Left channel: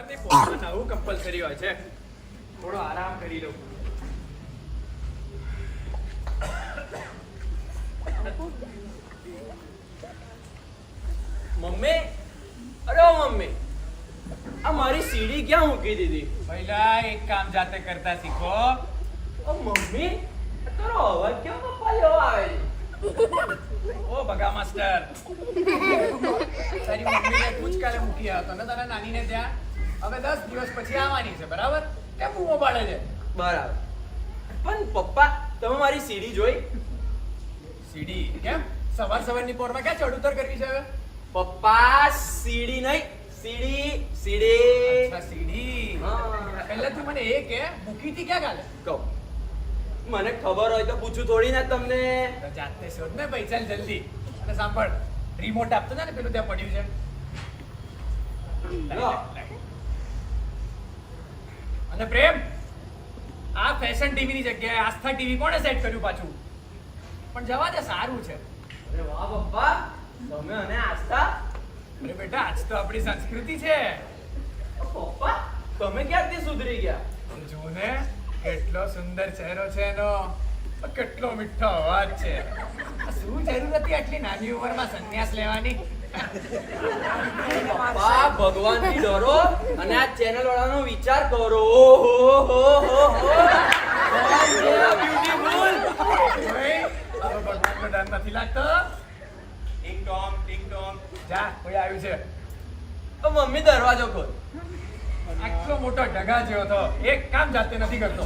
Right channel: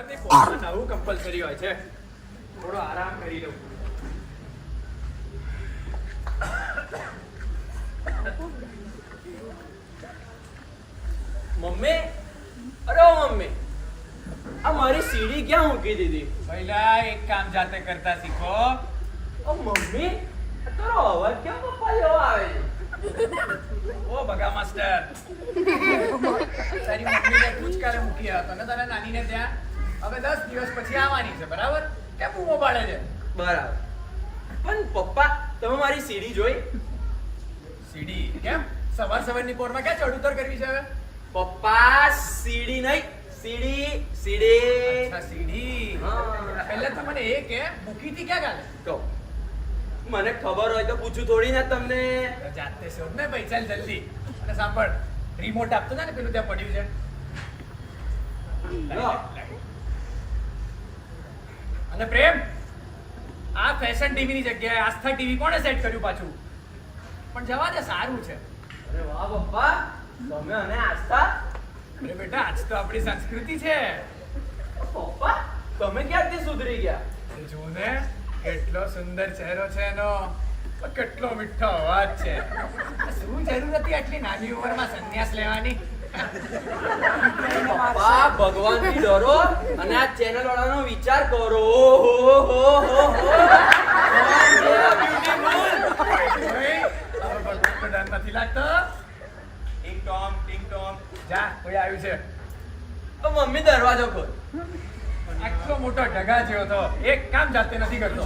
સવારની પોરમાં નવું કમ્પલસરી હોય છે. થોડો આરામ કરી લઉં. મમ્મી, અરે ઓ મમ્મી, આ મારી સીડી ક્યાં મૂકી દીધી? પહેલા એક કામ જાતે કરતા શીખો. ઓ મમ્મી, આ તારો અવાજ કેમ પપ્પા જેવો આવે છે? ઓ બગા માસ્ટર, તારી મમ્મીને પૂચકારે મૂકી આવ્યો ને તારા નાનીને ત્યાં. હવે 10 દિવસ પછી આવવાની છે, બરાબર? કેમ બૂમો પાડે છે? બરાબર. પણ પપ્પા, તમે મારી સીડી જોઈ? સીડી કેમ? સવારની પોરમાં ક્યાં ચઢ ઉતર કરવી છે હવે? પપ્પા, સીડી નહીં, સીડી, સીડી. અચ્છા, સીડી. હા. પહેલા તું મને એ કે મૂકી હતી ક્યાં ગાલે? કહું. મને ખબર હોય તો પૂછું થોડી ના તમને. તો જાતે શોધ ને ભાઈ, ચાલ જલ્દી. અને સાંભળ, રિમોટ આપતો ને પેલું ત્યાં પડ્યું છે. લો. અને પ્રેમ, આ ફેશન ટીવી ની જગ્યાએ આસ્થા ટીવી કોણે સેટ કર્યું પાછું? પણ જવા દે, સારું છે. અરે વાહ પપ્પા, તમે અને આસ્થા. અરે બેટા, આજ તો આપણી સંસ્કૃતિ છે. પપ્પા, તમે ક્યારથી સુધરી ગયા? જો ને, કેટલો સુંદર ચહેરો છે એનો, કેટલો મીઠો અવાજ છે. આ શું જરૂર હતી આટલી નાની ઉંમરમાં સંન્યાસ લેવાની? પપ્પા, ભગવાનથી ડરો અને આ ચેનલ વાળાનો વિચાર કરો. ઓહો હો હો હો. કોણ છે આ beautiful? ઓય, હવે ભગવાનનો ડર નથી લાગતો? ટિંગ ટોમ, ટિંગ ટોમ. જા, કોઈ આવ્યું છે. ઓ મમ્મી, દરવાજો ખોલ. આટલો મોટો ઢગા જેવો તો એક કામ જાતે નથી કરતો.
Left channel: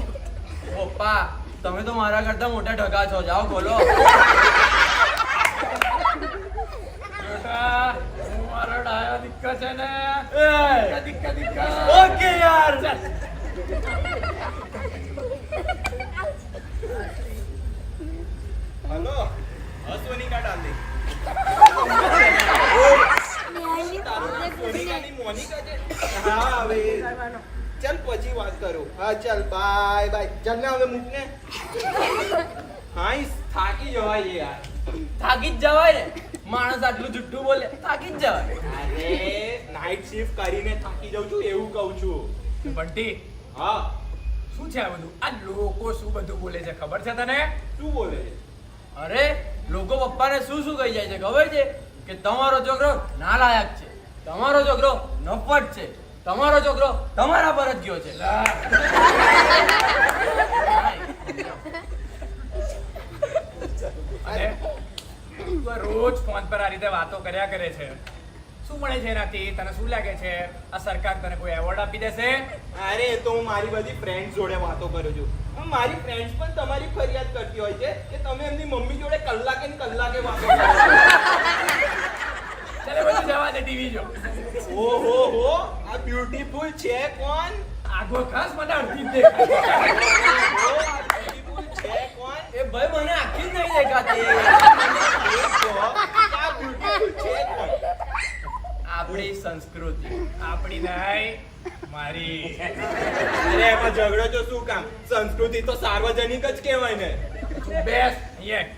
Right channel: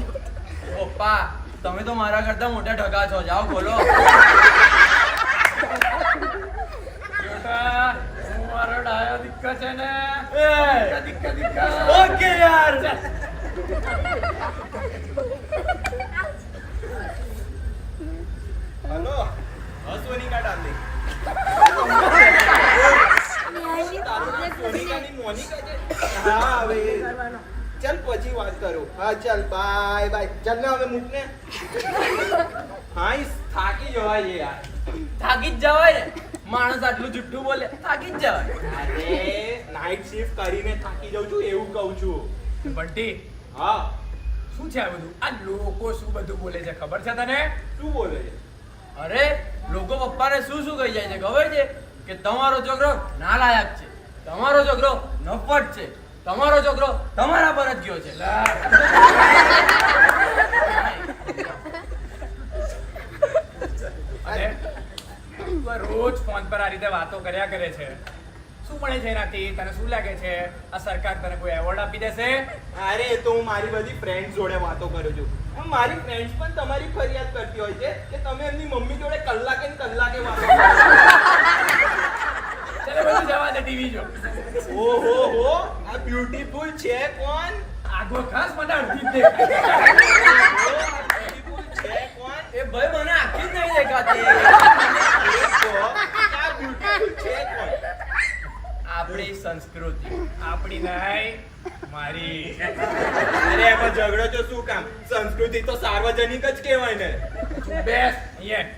પપ્પા, તમે તો મારા કરતા મોટા ઢગા છો. જાઓ ખોલો. બેટા, હું મારો ડાયો દીકરો છે ને. દીકરા. ઓકે યાર. हेलो सोनिका डार्लिंग સોનિકાની મોનિકા છે. હા હવે ચાલ પછી વાત કરું. હા ચાલ, બાય બાય. ચાલ ને હવે મૂક ને. હા, થાકી જવાય છે યાર. થાકી જ જવાય ને. માણસ આટલું જુઠ્ઠું બોલે, થાકી જ જવાય. અરે નાઇટ શિફ્ટ કરીને થાકી જાઉં છું એવું કહું છું. બંટી, હા, શું છે આ બધું? આ લોકો શું બધું બોલે છે ખબર છે તને? શું બોલે છે? અરે, લોકો પપ્પાને શું શું કહી જાય છે ખબર છે? કે તમારો છોકરો નાલાયક છે, તમારો છોકરો નફટ છે, તમારો છોકરો તમારા પર જ ગયો છે. અને તું આ રોજ ફોન પર આ રીતે વાતો કર્યા કરે છે. શું મળે છે એનાથી? તને શું લાગે છે આ સરકાર તને કોઈ એવોર્ડ આપી દેશે? અરે એ તો હું મારી બધી ફ્રેન્ડ્સ જોડે વાતો કરું છું. મારી ફ્રેન્ડ્સ પણ તમારી ફરિયાદ કરતી હોય છે કે તમે એમની મમ્મી જોડે કલાકે ને કલાકે વાતો કરો છો. ચાલો બધું જવા દે, ટીવી જો. ઓહો હો, આ બ્યુટીફુલ છે કોણ? આગો ખાસ મને અડધી જ દેખાય. ઓહો, આ બ્યુટીફુલ છે કોણ? એ ભાઈ, મને આખી જ નહીં દેખાતી. એ કહો કે આ બ્યુટીફુલ છે કોણ? આપણી સંસ્કૃતિ. આપણી નહીં, મારી. અરે એમાં ઝઘડો તો શું કામ? સંસ્કૃતિ તો સાર્વજનિક જ કહેવાય ને. બેસ અહીંયા.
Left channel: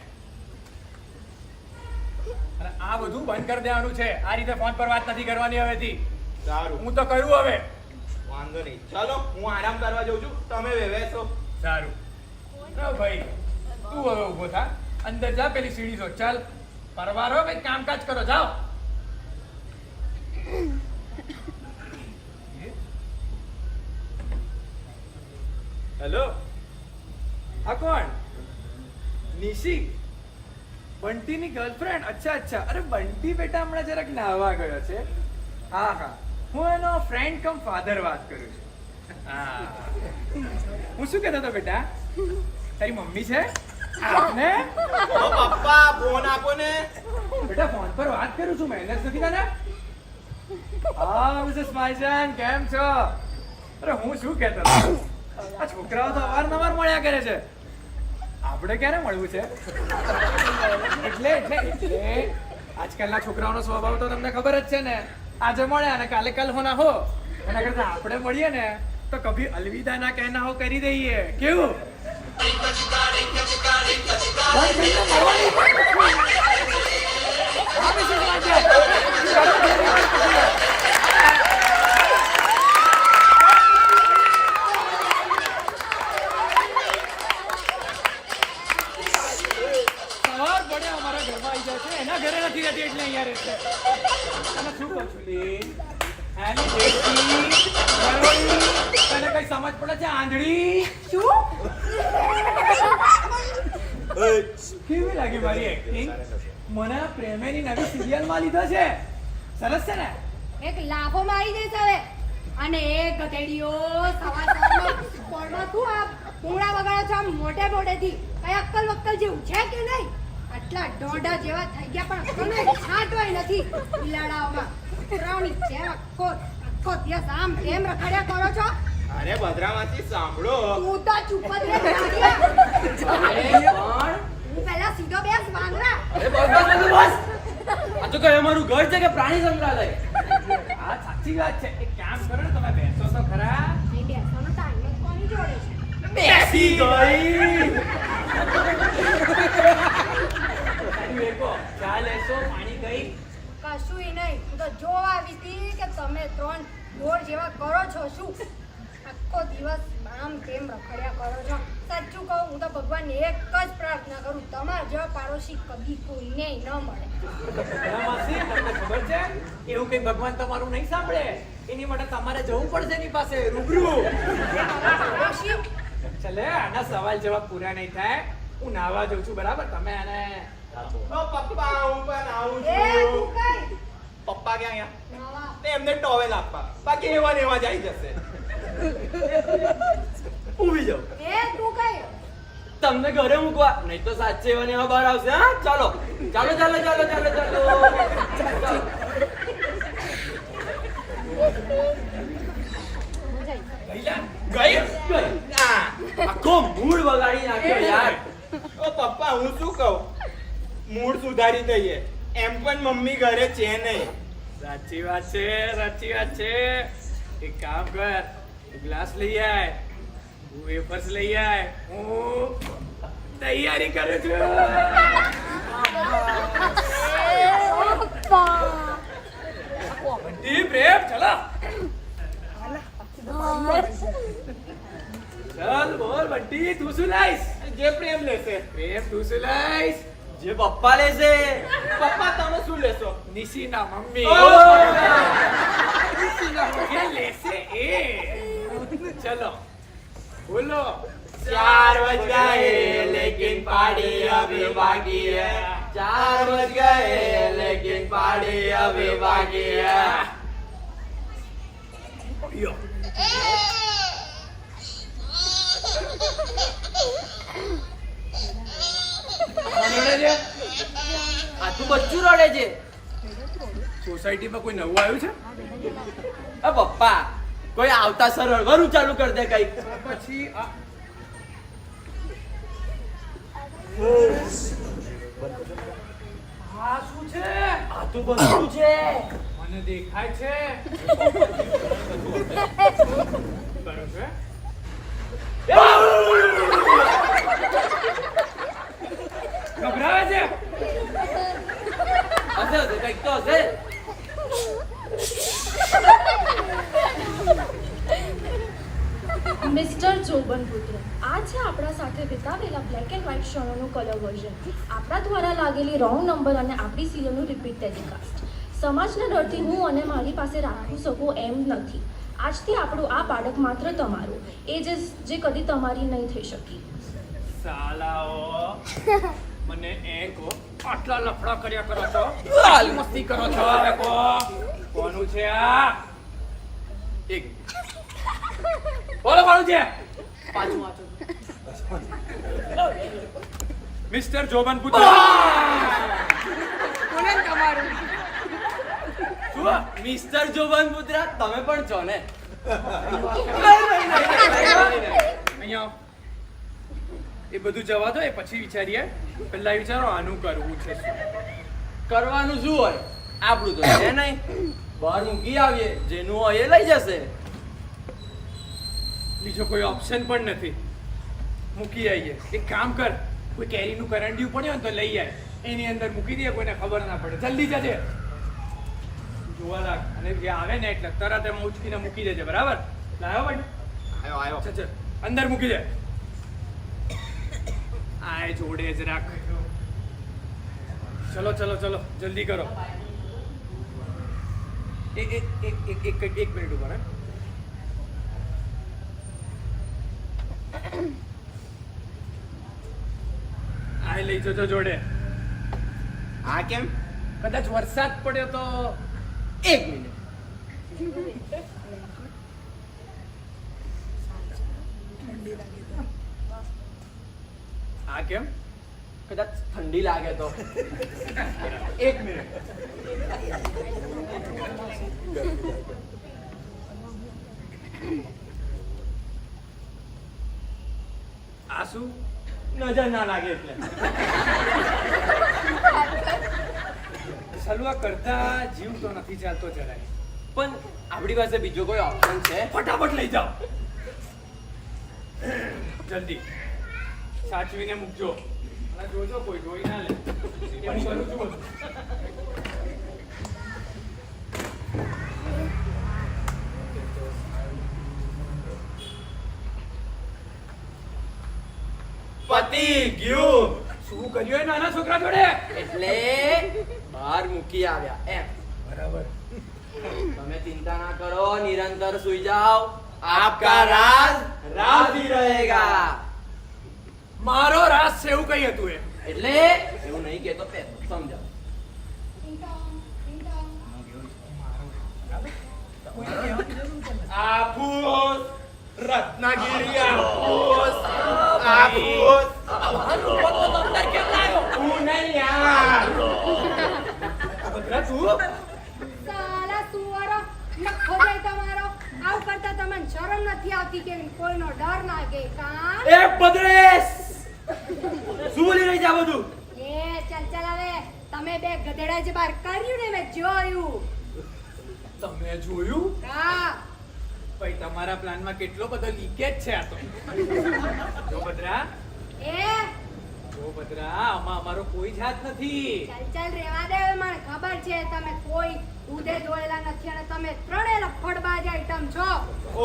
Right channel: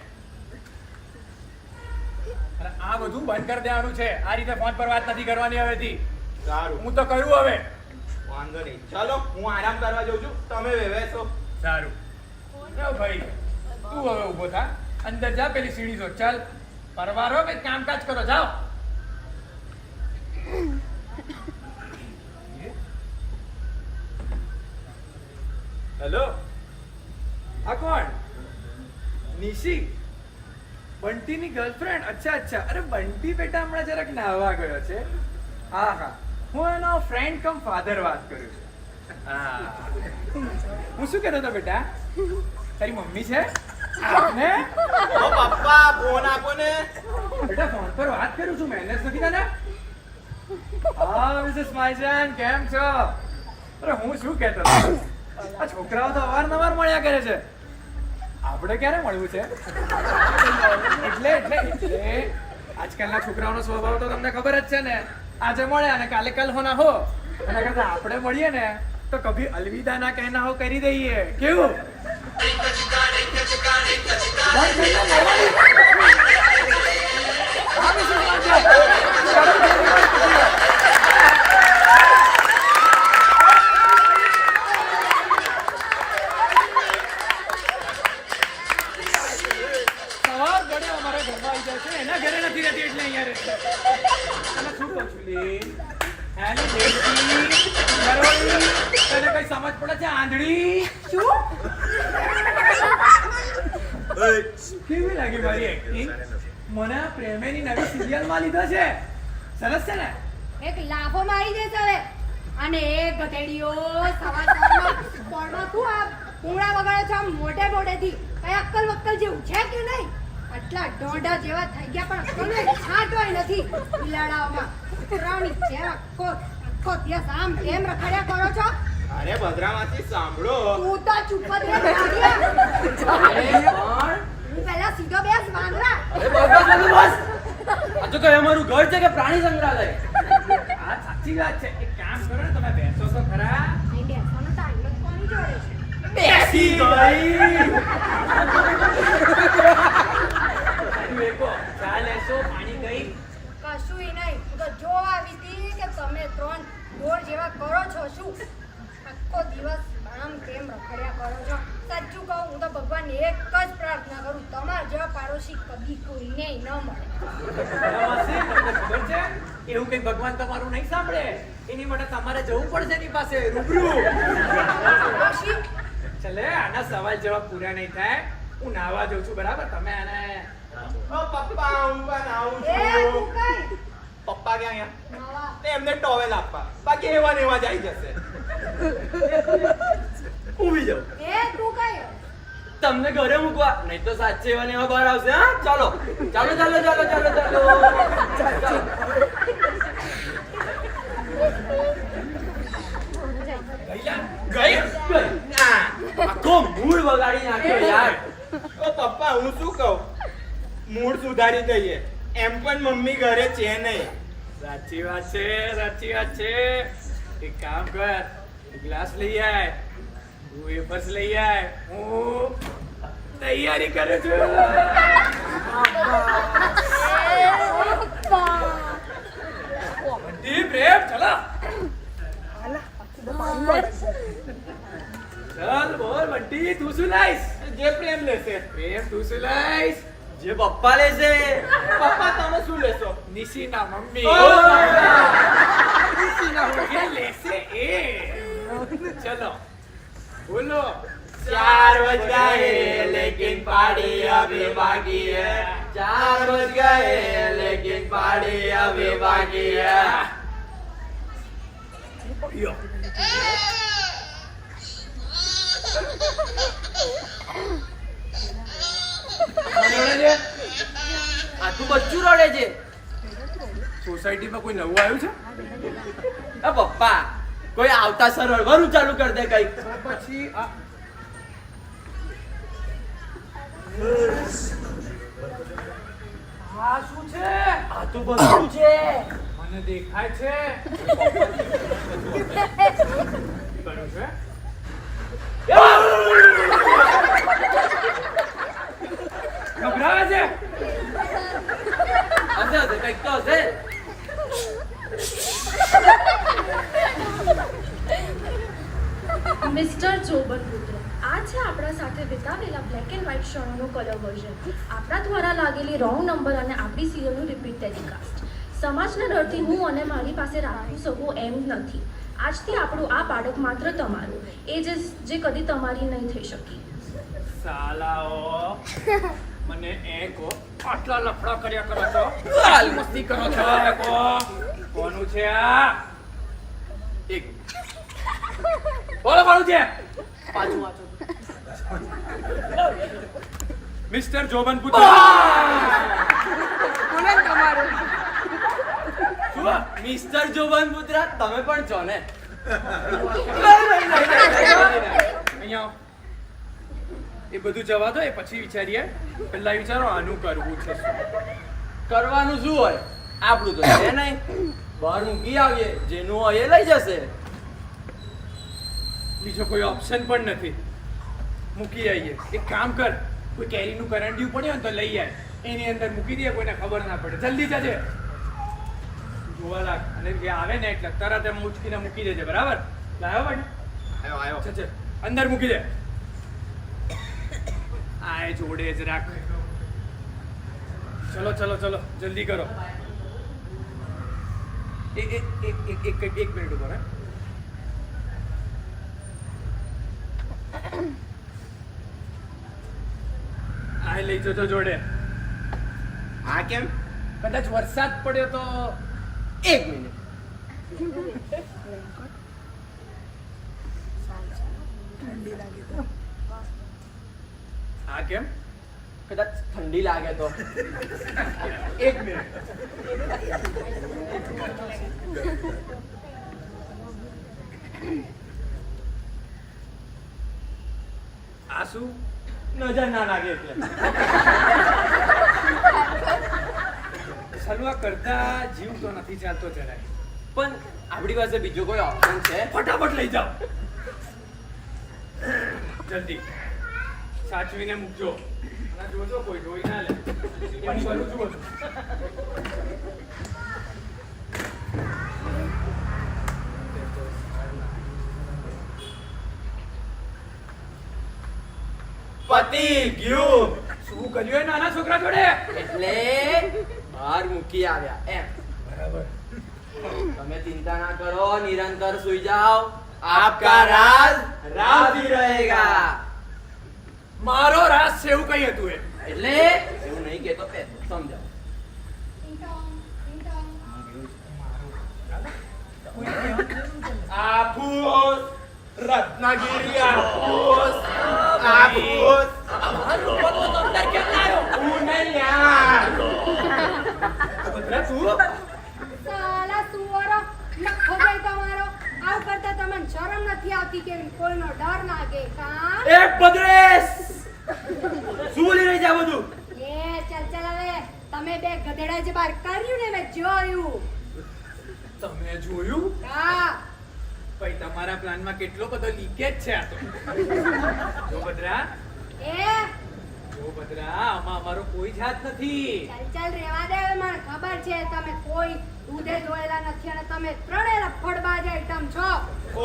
અને આ બધું બંધ કરી દેવાનું છે. આ રીતે ફોન પર વાત નથી કરવાની હવેથી. સારું, હું તો કરું હવે. વાંધો નહીં. ચાલો હું આરામ કરવા જાઉં છું, તમે વેવેશો. સારું. ના ભાઈ, તું હવે ઊભો થા. અંદર જા, પેલી સીડી જો. ચાલ, પરવારો કંઈક કામકાજ કરો, જાઓ. હેલો, આ કોણ? નિશી, બંટીની ગર્લફ્રેન્ડ? અચ્છા અચ્છા. અરે બંટી બેટા હમણાં જરાક નાહવા ગયો છે. હા હા, હું એનો ફ્રેન્ડ કમ ફાધર વાત કરું છું. હા, હું શું કહેતો હતો બેટા? તારી મમ્મી છે? આપને ઓ પપ્પા, ફોન આપો ને. બેટા ફોન પર વાત કરું છું, મહેનત નથી તને? હા મિસિસ માઈજાન, કેમ છો? અરે હું શું કહેતો હતો, આ છોકરાઓ તો અવારનવાર મળ્યા કરે છે. આપણે ક્યારે મળવું છે? એટલે આજકાલના છોકરાઓનો સ્વભાવ તો તમને ખબર જ છે ને. આજે મળ્યા અને કાલે કલ હોના હો. એના કરતા આપણે મળીએ ને તો કભી અલવિદા ના કહેના હો કરી દઈએ. કેવું? અઠવાડિયા અમારા ઘરમાં આવી જાય છે એના ઘરે નથી રહેતી એટલે અહીંયા રહે છે અને શું કહું છું લી એની દેવકી નરોળી તને કઈ સમજ પડે છે આંધળી શું કેવી લાગી મારી એક્ટિંગ મને આ પ્રેમેની નવી સિરિયલમાં લીધો છે સરસ છે ને એક લાફો મારી દેશે હવે અને એક ગધેડીઓ સવારમાં પોળમાં શું આ પૂંગળા વગાડે છે આમ મોટે મોટેથી કઈ અક્કલ વક્કલ જેવું છે કે નહીં આટલા દોઢા જેવા થઈ ગયા પણ અક્કલનો એક છાંટવાય નથી બિલાડાઓમાં કૂતરાની જેમ આખો દિવસ આમ કેમ રખડ્યા કરો છો અરે ભદ્રામાંથી સાંભળો તું તો ચૂપ જ રહે ગાંડિયા. અરે પણ હું પહેલા સીધો બેસ વાંદરા અરે બસ આ તો કઈ અમારું ઘર છે કે પ્રાણી સંગ્રહાલય આ સાચી વાત છે એક કામ કરો ને તમે બેસો તો ખરા અહીં બેસવાનો ટાઈમ જ કોની જોડે છે બેસી ગઈ સાચું એકો ચા લેશો પાણી ગઈ કશુંય નહીં હું તો જોવા આવી હતી કે તમે ત્રણ દોડ જેવા કરો છો શું આખો દિવસ આમ તેમ રખડ્યા કરો છો સાચું કહું હું તો ભગવાનને એક જ પ્રાર્થના કરું તમારા જેવા પાડોશી કદી કોઈને ન મળે માસી તમને ખબર છે એવું કઈ ભગવાન તમારું નહીં સાંભળે એની માટે તમારે જવું પડશે એની પાસે રૂબરૂ પાડોશી ચલે આના સવાલ જવાબ પૂરા નહીં થાય હું નાવા જઉં છું બરાબર તમે આને ઓ પપ્પા હું પણ આવું એ તું છું કઈ પપ્પા ક્યાં અહીંયા નવા તે એમને ટોવેલ આપવા બાકી એવા ને એવા જ આવી જશે ઊભી જાઓ એ તું કઈ તમને ઘરે મૂકવા નહીં તો સાચે એવા ને એવા બહાર આવશે હા ચાલો ચાલો ચાલો ચાલો ચાલો ચાલો ગઈ ના આખો મૂડ બગાડી નાખ્યો યાર ઓ પપ્પા હું શું કહું મૂડ સુધારી દઈએ એમ પણ મમ્મી ઘરે છે નહીં સાચી વાત છે એક કામ કર ગ્લાસ લઈ આય હું વેફર્સ લઈ આય હું તૈયારી કરું છું બંટી પ્રેમ ચલો ચાલ બોલ બંટી તું શું લાઈસ જે પ્રેમ લેશે પ્રેમ તું શું લાઈસ જે પપ્પા લેશે પપ્પા તમે શું લેશો નિશીના મમ્મી ઓહ! નિશીના મમ્મી લેશે એ ચલો બોલો 4 बज गए लेकिन पार्टी अभी बाकी है 4 बज गए लेकिन पार्टी अभी बाकी है યો રડે છે આખું બચ્ચું રડે છે સોસાયટીમાં કોઈ નવું આવ્યું છે આ પપ્પા કોઈ આવતા સર રડવાનું ચાલુ કરી દે કઈક તો પછી આ આ શું છે આ તો બધું છે મને દેખાય છે કરું છે ઘબરાવે છે હશે હશે કઈક તો હશે મિસ્ટર જોબનપુત્ર આ છે આપણા સાથે વિતાવેલા બ્લેક એન્ડ વ્હાઇટ ક્ષણોનો કલર વર્ઝન આપણા દ્વારા લાગેલી રોંગ નંબર અને આપણી સિરિયલનું રિપીટ ટેલિકાસ્ટ સમાજના ડરથી હું અને મારી પાસે રાખવું શકું એમ નથી આજથી આપણું આ બાળક માત્ર તમારું એ જે કદી તમારી નહીં થઈ શકી સાલાઓ મને કહો આટલા લફડા કર્યા કરો છો આટલી મસ્તી કરો છો હવે કહો કોનું છે આ એક બોલો કોનું છે પાછું વાંચો મિસ્ટર જોબન પુત્ર શું મિસ્ટર જોબન પુત્ર તમે પણ છો ને અહીંયા એ બધું જવા દો એ પછી વિચારીએ પહેલા વિચારો આનું કરવું છે શું કરવાનું શું હોય આપણું તો છે નહીં બહાર મૂકી આવીએ જેનું હોય એ લઈ જશે બીજો કોઈ ઓપ્શન પણ નથી મૂકી આવીએ એક કામ કર કોઈ કેરીનું કરંડિયું પડ્યું ને તો લઈ આય એની અંદર મૂકી દે કોઈને ખબર ના પડે જલ્દી જજે જોવા લાગ અને જે આવે ને એટલે તરત એમ ઉચકીને મૂકી દેજે બરાબર લાવ્યો ભાઈ આયો ચલ અંદર મૂકી દે આય જોડે જ રાખ ચલો ચલો ચલો જલ્દી કરો. એક મિનિટ ઉપર હે. આ લઈ જજો જોડે. આ કેમ? કદાચ વરસાદ પડ્યો તો. એક મિનિટ. આ કેમ? કદાચ ઠંડી લાગે તો. એક મિનિટ. આ શું? નજર ના લાગે એટલે. સલવા કરતા જીવ તો નથી ચાલતો જરાય. પણ આપણી પાસે બીજો કોઈ ઓપ્શન છે? ફટાફટ લઈ જાઓ. જલ્દી સાચવીને મૂકજો અને જોજો કોઈ જોઈ ના લે. હું કરું છું બધું. પતી ગયું. શું કર્યું એ નાના છોકરા જોડે? એટલે બહાર મૂકી આવ્યા એમ. બરાબર. તમે ચિંતા ના કરો, નિરંતર સુઈ જાઓ. આપકા રાજ રાજી રહેગા. મારો રાજ છે એવું કઈ હતું એ? એટલે એવું નહીં કહેતો, સમજાવો. આફૂસ રત્નાગીરી આફૂસ આફૂસ. હું નહીં યાર. ભદ્રા તું? સાલા સુવારો નખો જાય તમારો. આવું કરતા તમને શરમ નથી આવતી કે કોઈનો ડર લાગે કાં? એ બદ્રેશ, શું બોલી રહી છે આ બધું? એ ચાલ ચાલ હવે તમે બે ગધેડા જે બહાર કર્યું ને મેં જોયું. તમે જોયું? હા ભાઈ તમારા પ્લાનમાં કેટલો બધો લીકેજ છે આ તો. જો ભદ્રા, એ જો ભદ્રા, આમાં અમારો કોઈ જ હાથ નથી. ચાલ ચાલ રેવા દે હવે. મને ખબર છે તમે કોઈ દૂધે ધોયેલા નથી અને તમે ત્રણેય લફડબાજ આઈટમ છો.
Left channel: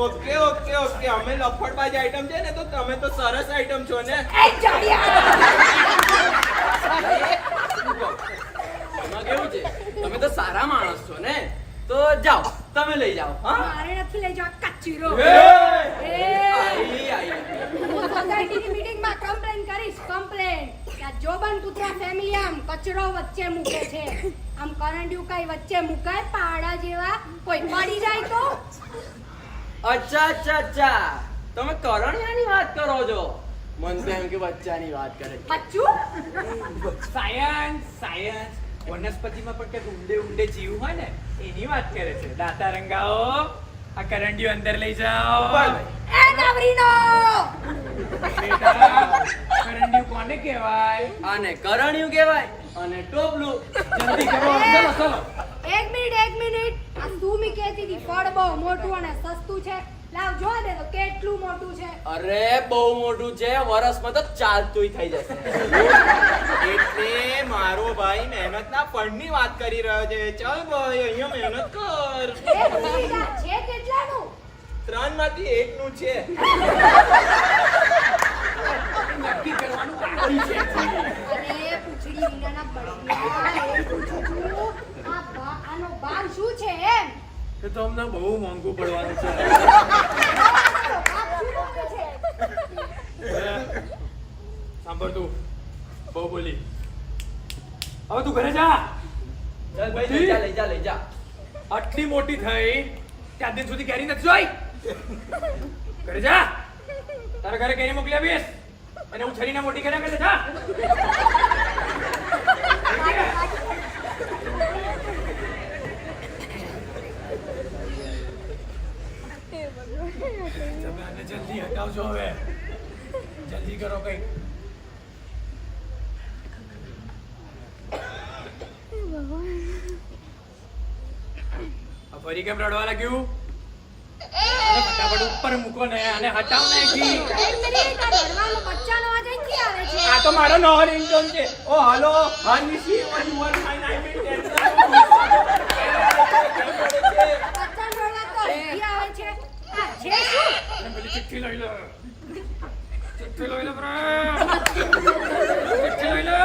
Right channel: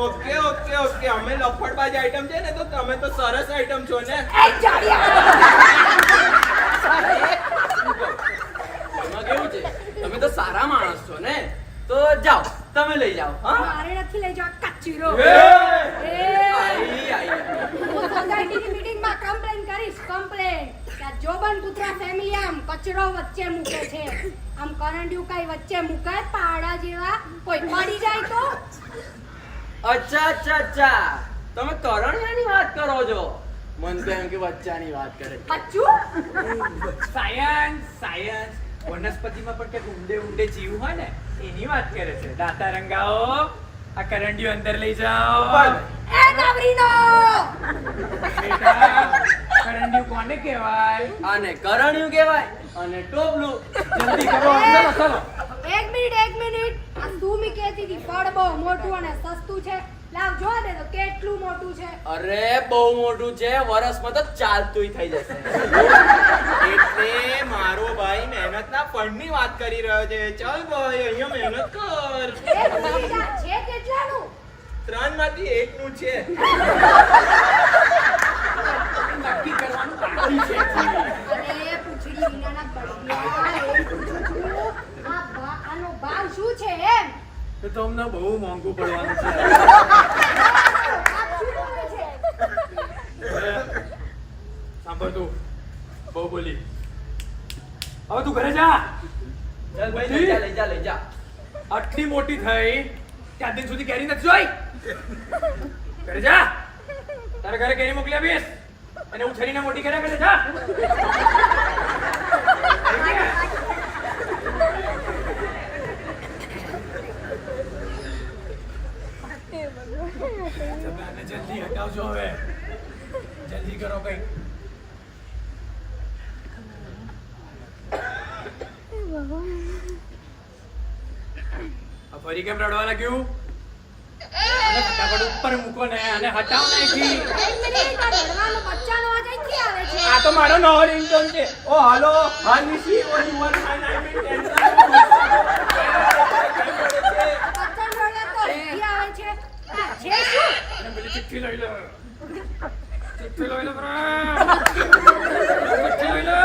ઓકે ઓકે ઓકે, અમે લફડબાજ આઈટમ છે ને, તો તમે તો સરસ આઈટમ છો ને. એ જાડિયા એમાં કેવું છે, તમે તો સારા માણસ છો ને, તો જાઓ તમે લઈ જાઓ. હા મારે નથી લઈ જવા કચરો. એ! એ આઈ આઈ. હું સોસાયટીની મીટિંગમાં કમ્પ્લેન કરીશ. કમ્પ્લેન કે આ જોબન પુત્રા ફેમિલી આમ કચરો વચ્ચે મૂકે છે. આમ કરંડિયું કઈ વચ્ચે મુકાય પાડા જેવા? કોઈ પડી જાય તો? અચ્છા અચ્છા અચ્છા, તમે કરણિયાની વાત કરો છો. મન તો એમ કે બચ્ચાની વાત કરે છે. બચ્ચું? સાયન્સ સાયન્સ વનસ્પતિમાં પણ કંઈક ઊંડે ઊંડે જીવ હોય ને એની વાત કરે છે. દાતા રંગાઓ, આ કરંડિયો અંદર લઈ જાઓ. એ નવરીનો! બેટા, કરંડિયું કોને કહેવાય? આને કરણિયું કહેવાય અને ટોપલું. જલ્દી કરો. ચલો ચલો. એક મિનિટ. આ સુમી કહેતી હતી ફળ બહુ મોટું અને સસ્તું છે. લાવ જોવા દે તો કેટલું મોટું છે. અરે બહુ મોટું છે, વર્ષમાં તો ચાલતુંય થઈ જશે. એટલે મારો ભાઈ મહેનતના ફળની વાત કરી રહ્યો છે. ચાલ ભાઈ, અહીંયા મહેનત કર. એ ભૂલી જા, છે કેટલાનું? 3 માંથી 1 નું છે. નક્કી કરવાનું બાકી છે. અરે પૂંછડી વિનાના બળિયા, એમ પૂછું છું. આનો ભાવ શું છે એમ? તો તમને બહુ મોંઘું પડવાનું છે. ભાવ શું મૂકે છે? સાંભળ તું, બહુ બોલી. હવે તું ઘરે જા. ચાલ ભાઈ, લઈ જા લઈ જા લઈ જા. આટલી મોટી થઈ ત્યાં દિન સુધી કેરી નથી જોઈ. ઘરે જા. તારા ઘરે કેરી મોકલી આપીશ અને ઉછળીને મોટી કર્યા કરે. જા. આને જલ્દી હટાવજો હવે. જલ્દી કરો કઈ. ફરી કેમ રડવા લાગ્યું? આને ફટાફટ ઉપર મૂકો ને અને હટાવ નાખી. એક મિનિટ, આ રડવાનો બચ્ચાનો અવાજ અહીંથી આવે છે. આ તો મારો નવો રિંગટોન છે. ઓ હાલો, હા નિશી, ઓ યુ વન માય નામ ઇન બચ્ચાનો અવાજ તો અહીંથી આવે છે. આ છે શું? અને પેલી ચિઠ્ઠી લઈ લો. ચિઠ્ઠી લઈ લો બરા. ચિઠ્ઠી લઈ લો.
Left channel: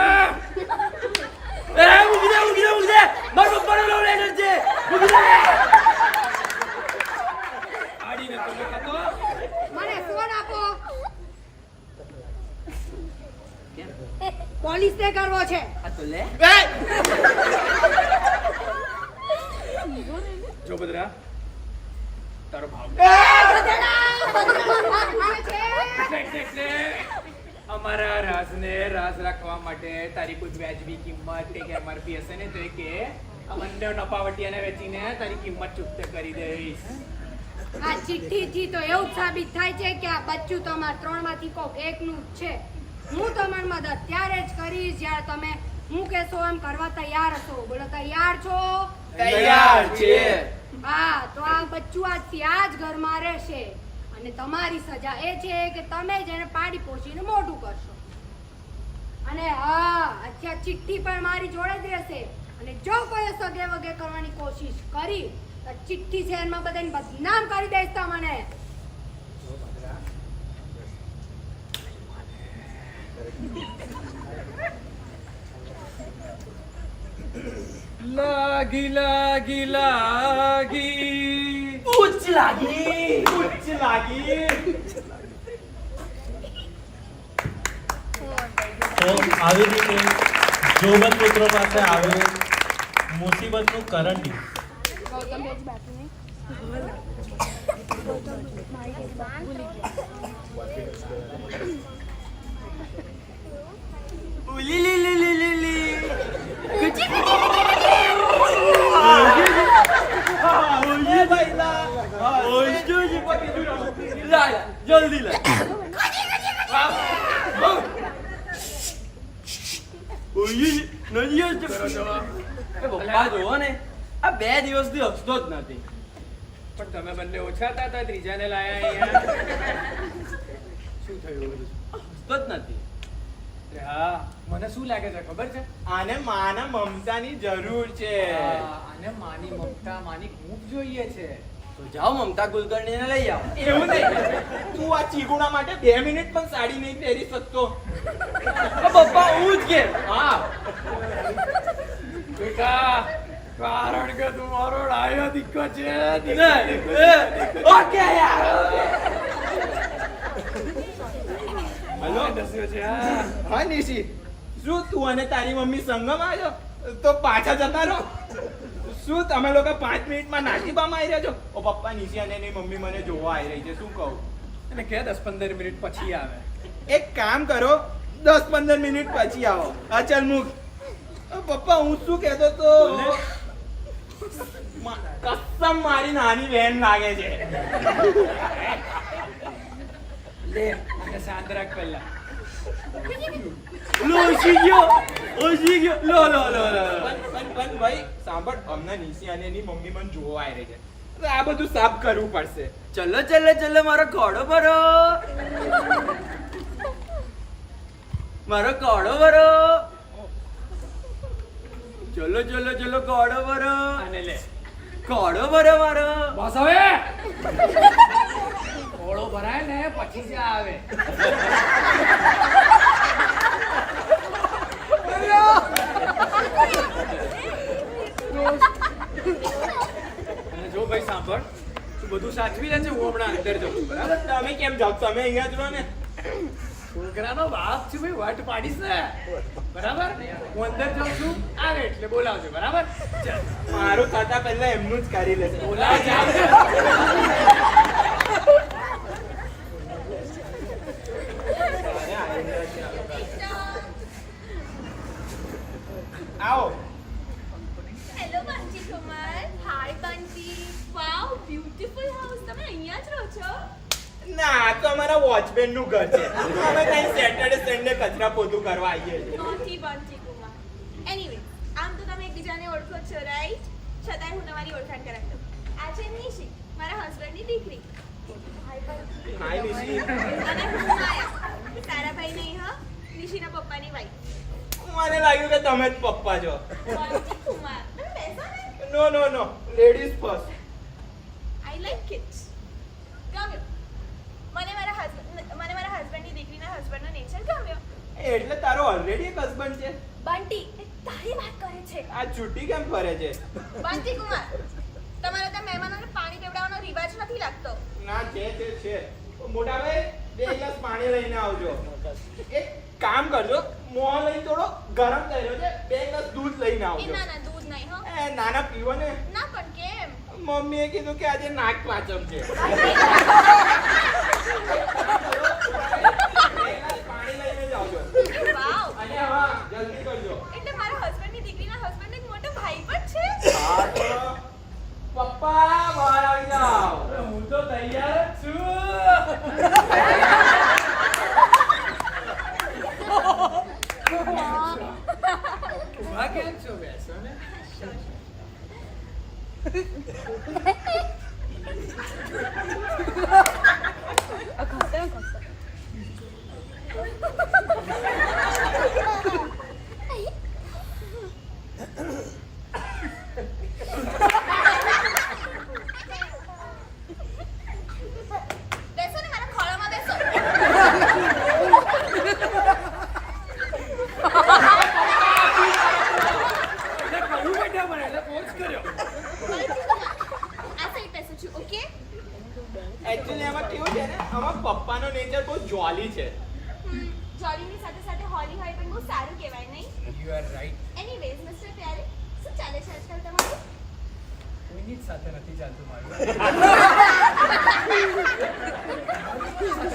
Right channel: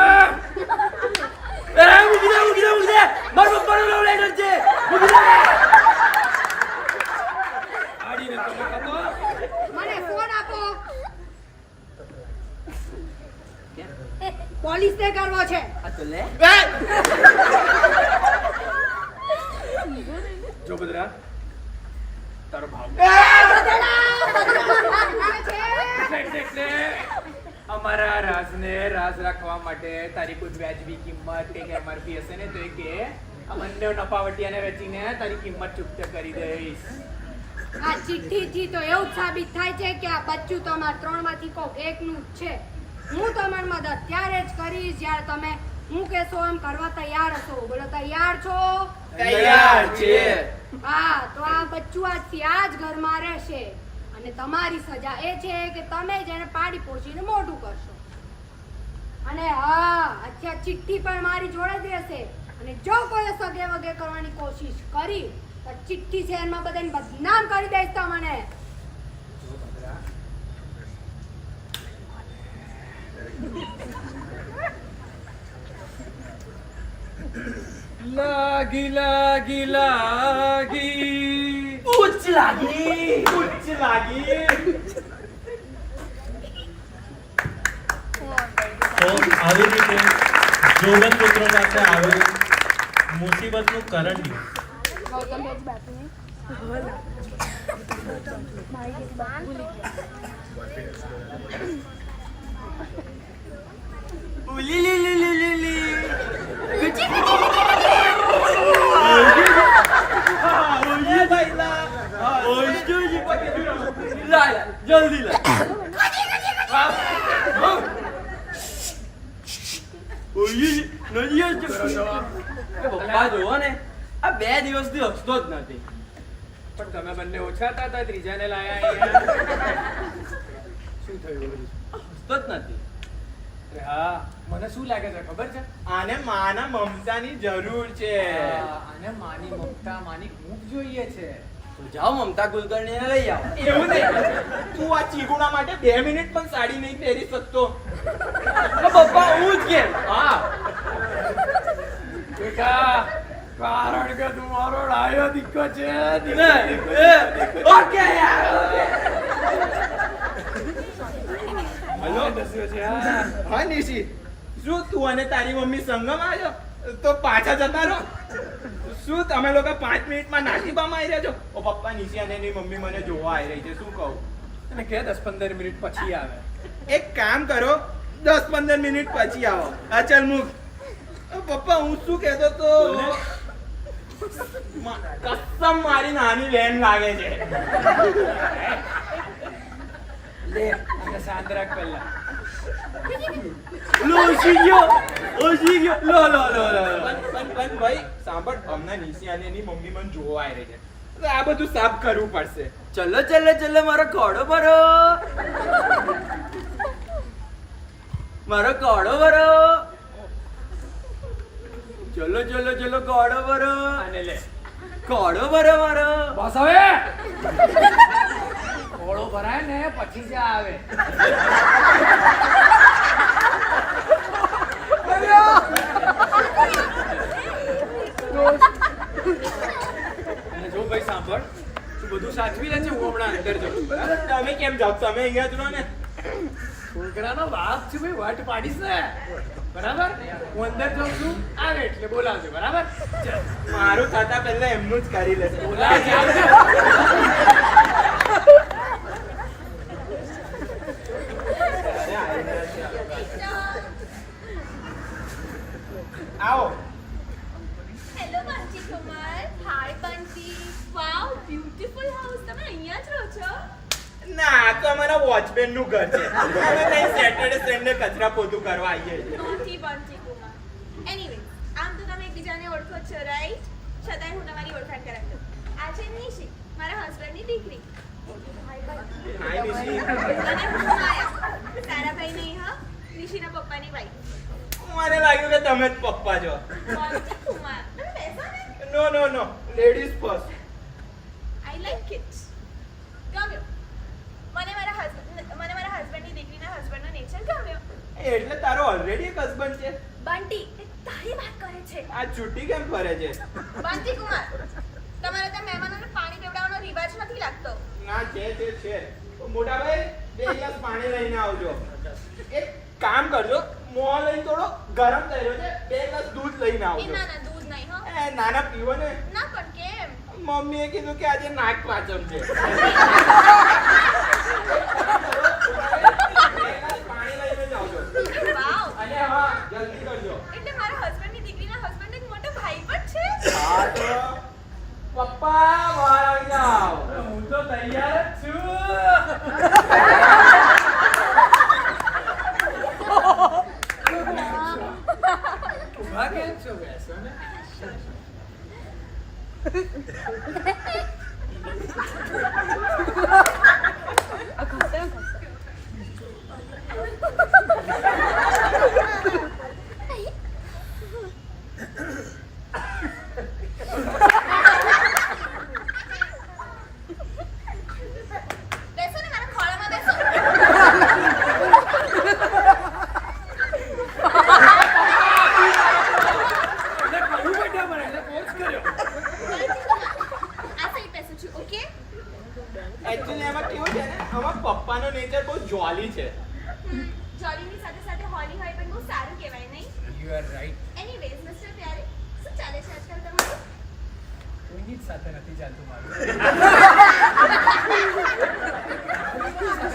એ પોલીસને કરવો છે. આ તો લે જો બદરા તારો ભાવ એટલે અમારા રાજને રાજ રાખવા માટે તારી કોઈ વ્યાજબી કિંમત કે એમઆરપી હશે ને તો એ કે આ બંને નફાવટીયાને વેચીને તારી કિંમત ચૂકતે કરી દઈશ. આ ચિઠ્ઠીથી તો એવું જ સાબિત થાય છે કે આ બચ્ચું તમારા ત્રણમાંથી કોક એકનું જ છે. હું તમારી મદદ ત્યારે જ કરીશ જ્યારે તમે હું કહેશો એમ કરવા તૈયાર હશો. બોલો તૈયાર છો? તૈયાર છે. હા, તો આ બચ્ચું આજથી આ જ ઘરમાં રહેશે અને તમારી સજા એ છે કે તમે જેને પાડી પોષીને મોઢું કરશો. અને હા, અત્યારે ચિઠ્ઠી પણ મારી જોડે જ રહેશે અને જો કોઈ સગે વગે કરવાની કોશિશ કરી તો ચિઠ્ઠી શહેરમાં બધાને બદનામ કરી દઈશ તમને. જો બદરા લાગી લાગી લાગી ઉચ્ચ લાગી. ઉચ્ચ લાગી. તો આવી રીતે જોબન પુત્રો પાસે આવે મુસીબતનું કરંડી. ઉલી લી લી લી લી લી. કચી એ ભાઈ લા. લા જલ્દી લા. ઓય નથી હસતો. એ પપ્પા જોવો ને આ 2 દિવસથી હસતો જ નથી. પણ તમે બંને ઓછા હતા ત્રીજાને લાયા અહીંયા. શું થયું? હસતો જ નથી. અરે હા, મને શું લાગે છે ખબર છે? આને માના મમતાની જરૂર છે. આને માની મમતા માની ખૂબ જોઈએ છે. તો જાઓ મમતા કુલકર્ણીને લઈ આવો. એવું નહીં. તું આ ચીગુણા માટે 2 મિનિટ પણ સાડી નહીં પહેરી શકતો. પપ્પા હું જ કેમ? હા, બેટા, કારણ કે તું મારો ડાયો દીકરો છે. ઓકે યાર ઓકે. હલો. દસ્યો છે હા. હા નિશી, શું તું અને તારી મમ્મી સંગમ આવ્યો તો પાછા જતા રહો? શું તમે લોકો 5 મિનિટમાં નાસીબામાં આવી રહ્યા છો? ઓ પપ્પા, નિશી અને એની મમ્મી મને જોવા આવી રહી છે. શું કહું? એને કે 10-15 મિનિટ પછી આવે. એક કામ કરો, 10-15 મિનિટ પછી આવો. હા ચાલ મૂક. પપ્પા, હું શું કહેતો તો કસમ મારી નાની બહેન લાગે છે. લે આને શાંત રાખ પહેલા. લો ઓછી ગયો. લો લો લો લો. પણ ભાઈ સાંભળ, હમણાં નિશી અને એની મમ્મી મને જોવા આવી રહી છે. તો આ બધું સાફ કરવું પડશે. ચલો ચલો ચલો મારો ઘોડો ભરો. મારો ઘોડો ભરો. ચલો ચલો ચલો ઘોડો ભરો. આને લે. ઘોડો ભરો મારો. બસ હવે. ઓળો ભરાય ને પછી જ આવે. અને જો ભાઈ સાંભળ, તું બધું સાચવી લે છે. હું હમણાં અંદર જઉં છું, બરાબર? તમે કેમ જાઓ? તમે અહીંયા જ રહો ને. છોકરાનો બાપ છું ભાઈ, વાટ પાડીશ ને, બરાબર? હું અંદર જાઉં છું, આવે એટલે બોલાવજો, બરાબર? ચાલ. મારું ખાતા પહેલા એમનું જ કરી લેશે. બોલાવજો. આવો. હેલો બંટી કુમાર. હાય બંટી. વાવ, બ્યુટીફુલ હાઉસ. તમે અહીંયા જ રહો છો? ના, આ તો અમારા વોચમેન નું ઘર છે. અમે કઈ સેટરડે સન્ડે કચરા પોતું કરવા આવીએ છીએ. નોટી બંટી કુમાર. એનીવે, આમ તો તમે એકબીજાને ઓળખો જ છો, રાઈટ? છતાંય હું તમારી ઓળખાણ કરાવી દઉં. આ છે નિશી, મારા હસબન્ડની દીકરી. હાય નિશી. અને હું માયા, સારાભાઈ નહીં હા, નિશીના પપ્પાની વાઈફ. મને લાગ્યું કે તમે જ પપ્પા છો. બંટી કુમાર. તમે બેસો ને. No, ladies first. I like it. ગમ્યો. મને મારા હસબન્ડની દીકરીના હસબન્ડનો નેચર ગમ્યો. એટલે તારો ઓલરેડી એક હસબન્ડ છે. બંટી એ તારી વાત કરે છે. આ છૂટી કેમ ફરે છે? બંટી કુમાર, તમારા ત્યાં મહેમાનોને પાણી પીવડાવવાનો રિવાજ નથી લાગતો. ના, છે. મોટા ભાઈ 2 ગ્લાસ પાણી લઈને આવજો. એક કામ કરજો, મોં લઈને થોડો ગરમ થઈ રહ્યો છે, 2 ગ્લાસ દૂધ લઈને એ આવજો. ના ના દૂધ નહીં હો એ નાના પીવો ને. ના પણ કેમ મમ્મીએ કીધું કે આજે નાક પાચમ છે. 2 ગ્લાસ પાણી લઈને જ આવજો. વાવ અને હા જલ્દી કરજો. એટલે મારા હસબન્ડની દીકરીના હસબન્ડ એક મોટો ભાઈ પણ છે હા તો પપ્પા બહાર આવી જાઓ. હું તો તૈયાર જ છું. ઊભા કેમ છો? બેસો ને. બેસો ને મારા ખોળામાં બેસો એટલે કહ્યું બેટા મને, એટલે ફોર્સ કર્યો. આ સાઈડ બેસું છું ઓકે એકચ્યુઅલી એમાં કેવું છે ને, આમાં પપ્પાનો નેચર બહુ જોલી છે. જોલીની સાથે સાથે હોલી હોય પણ બહુ સારું કહેવાય નહીં You are right. Anyways mister Pyare શું ચાલે છે આજકાલ તમારું કોઈની જ સાથે નથી ચાલતું મારું.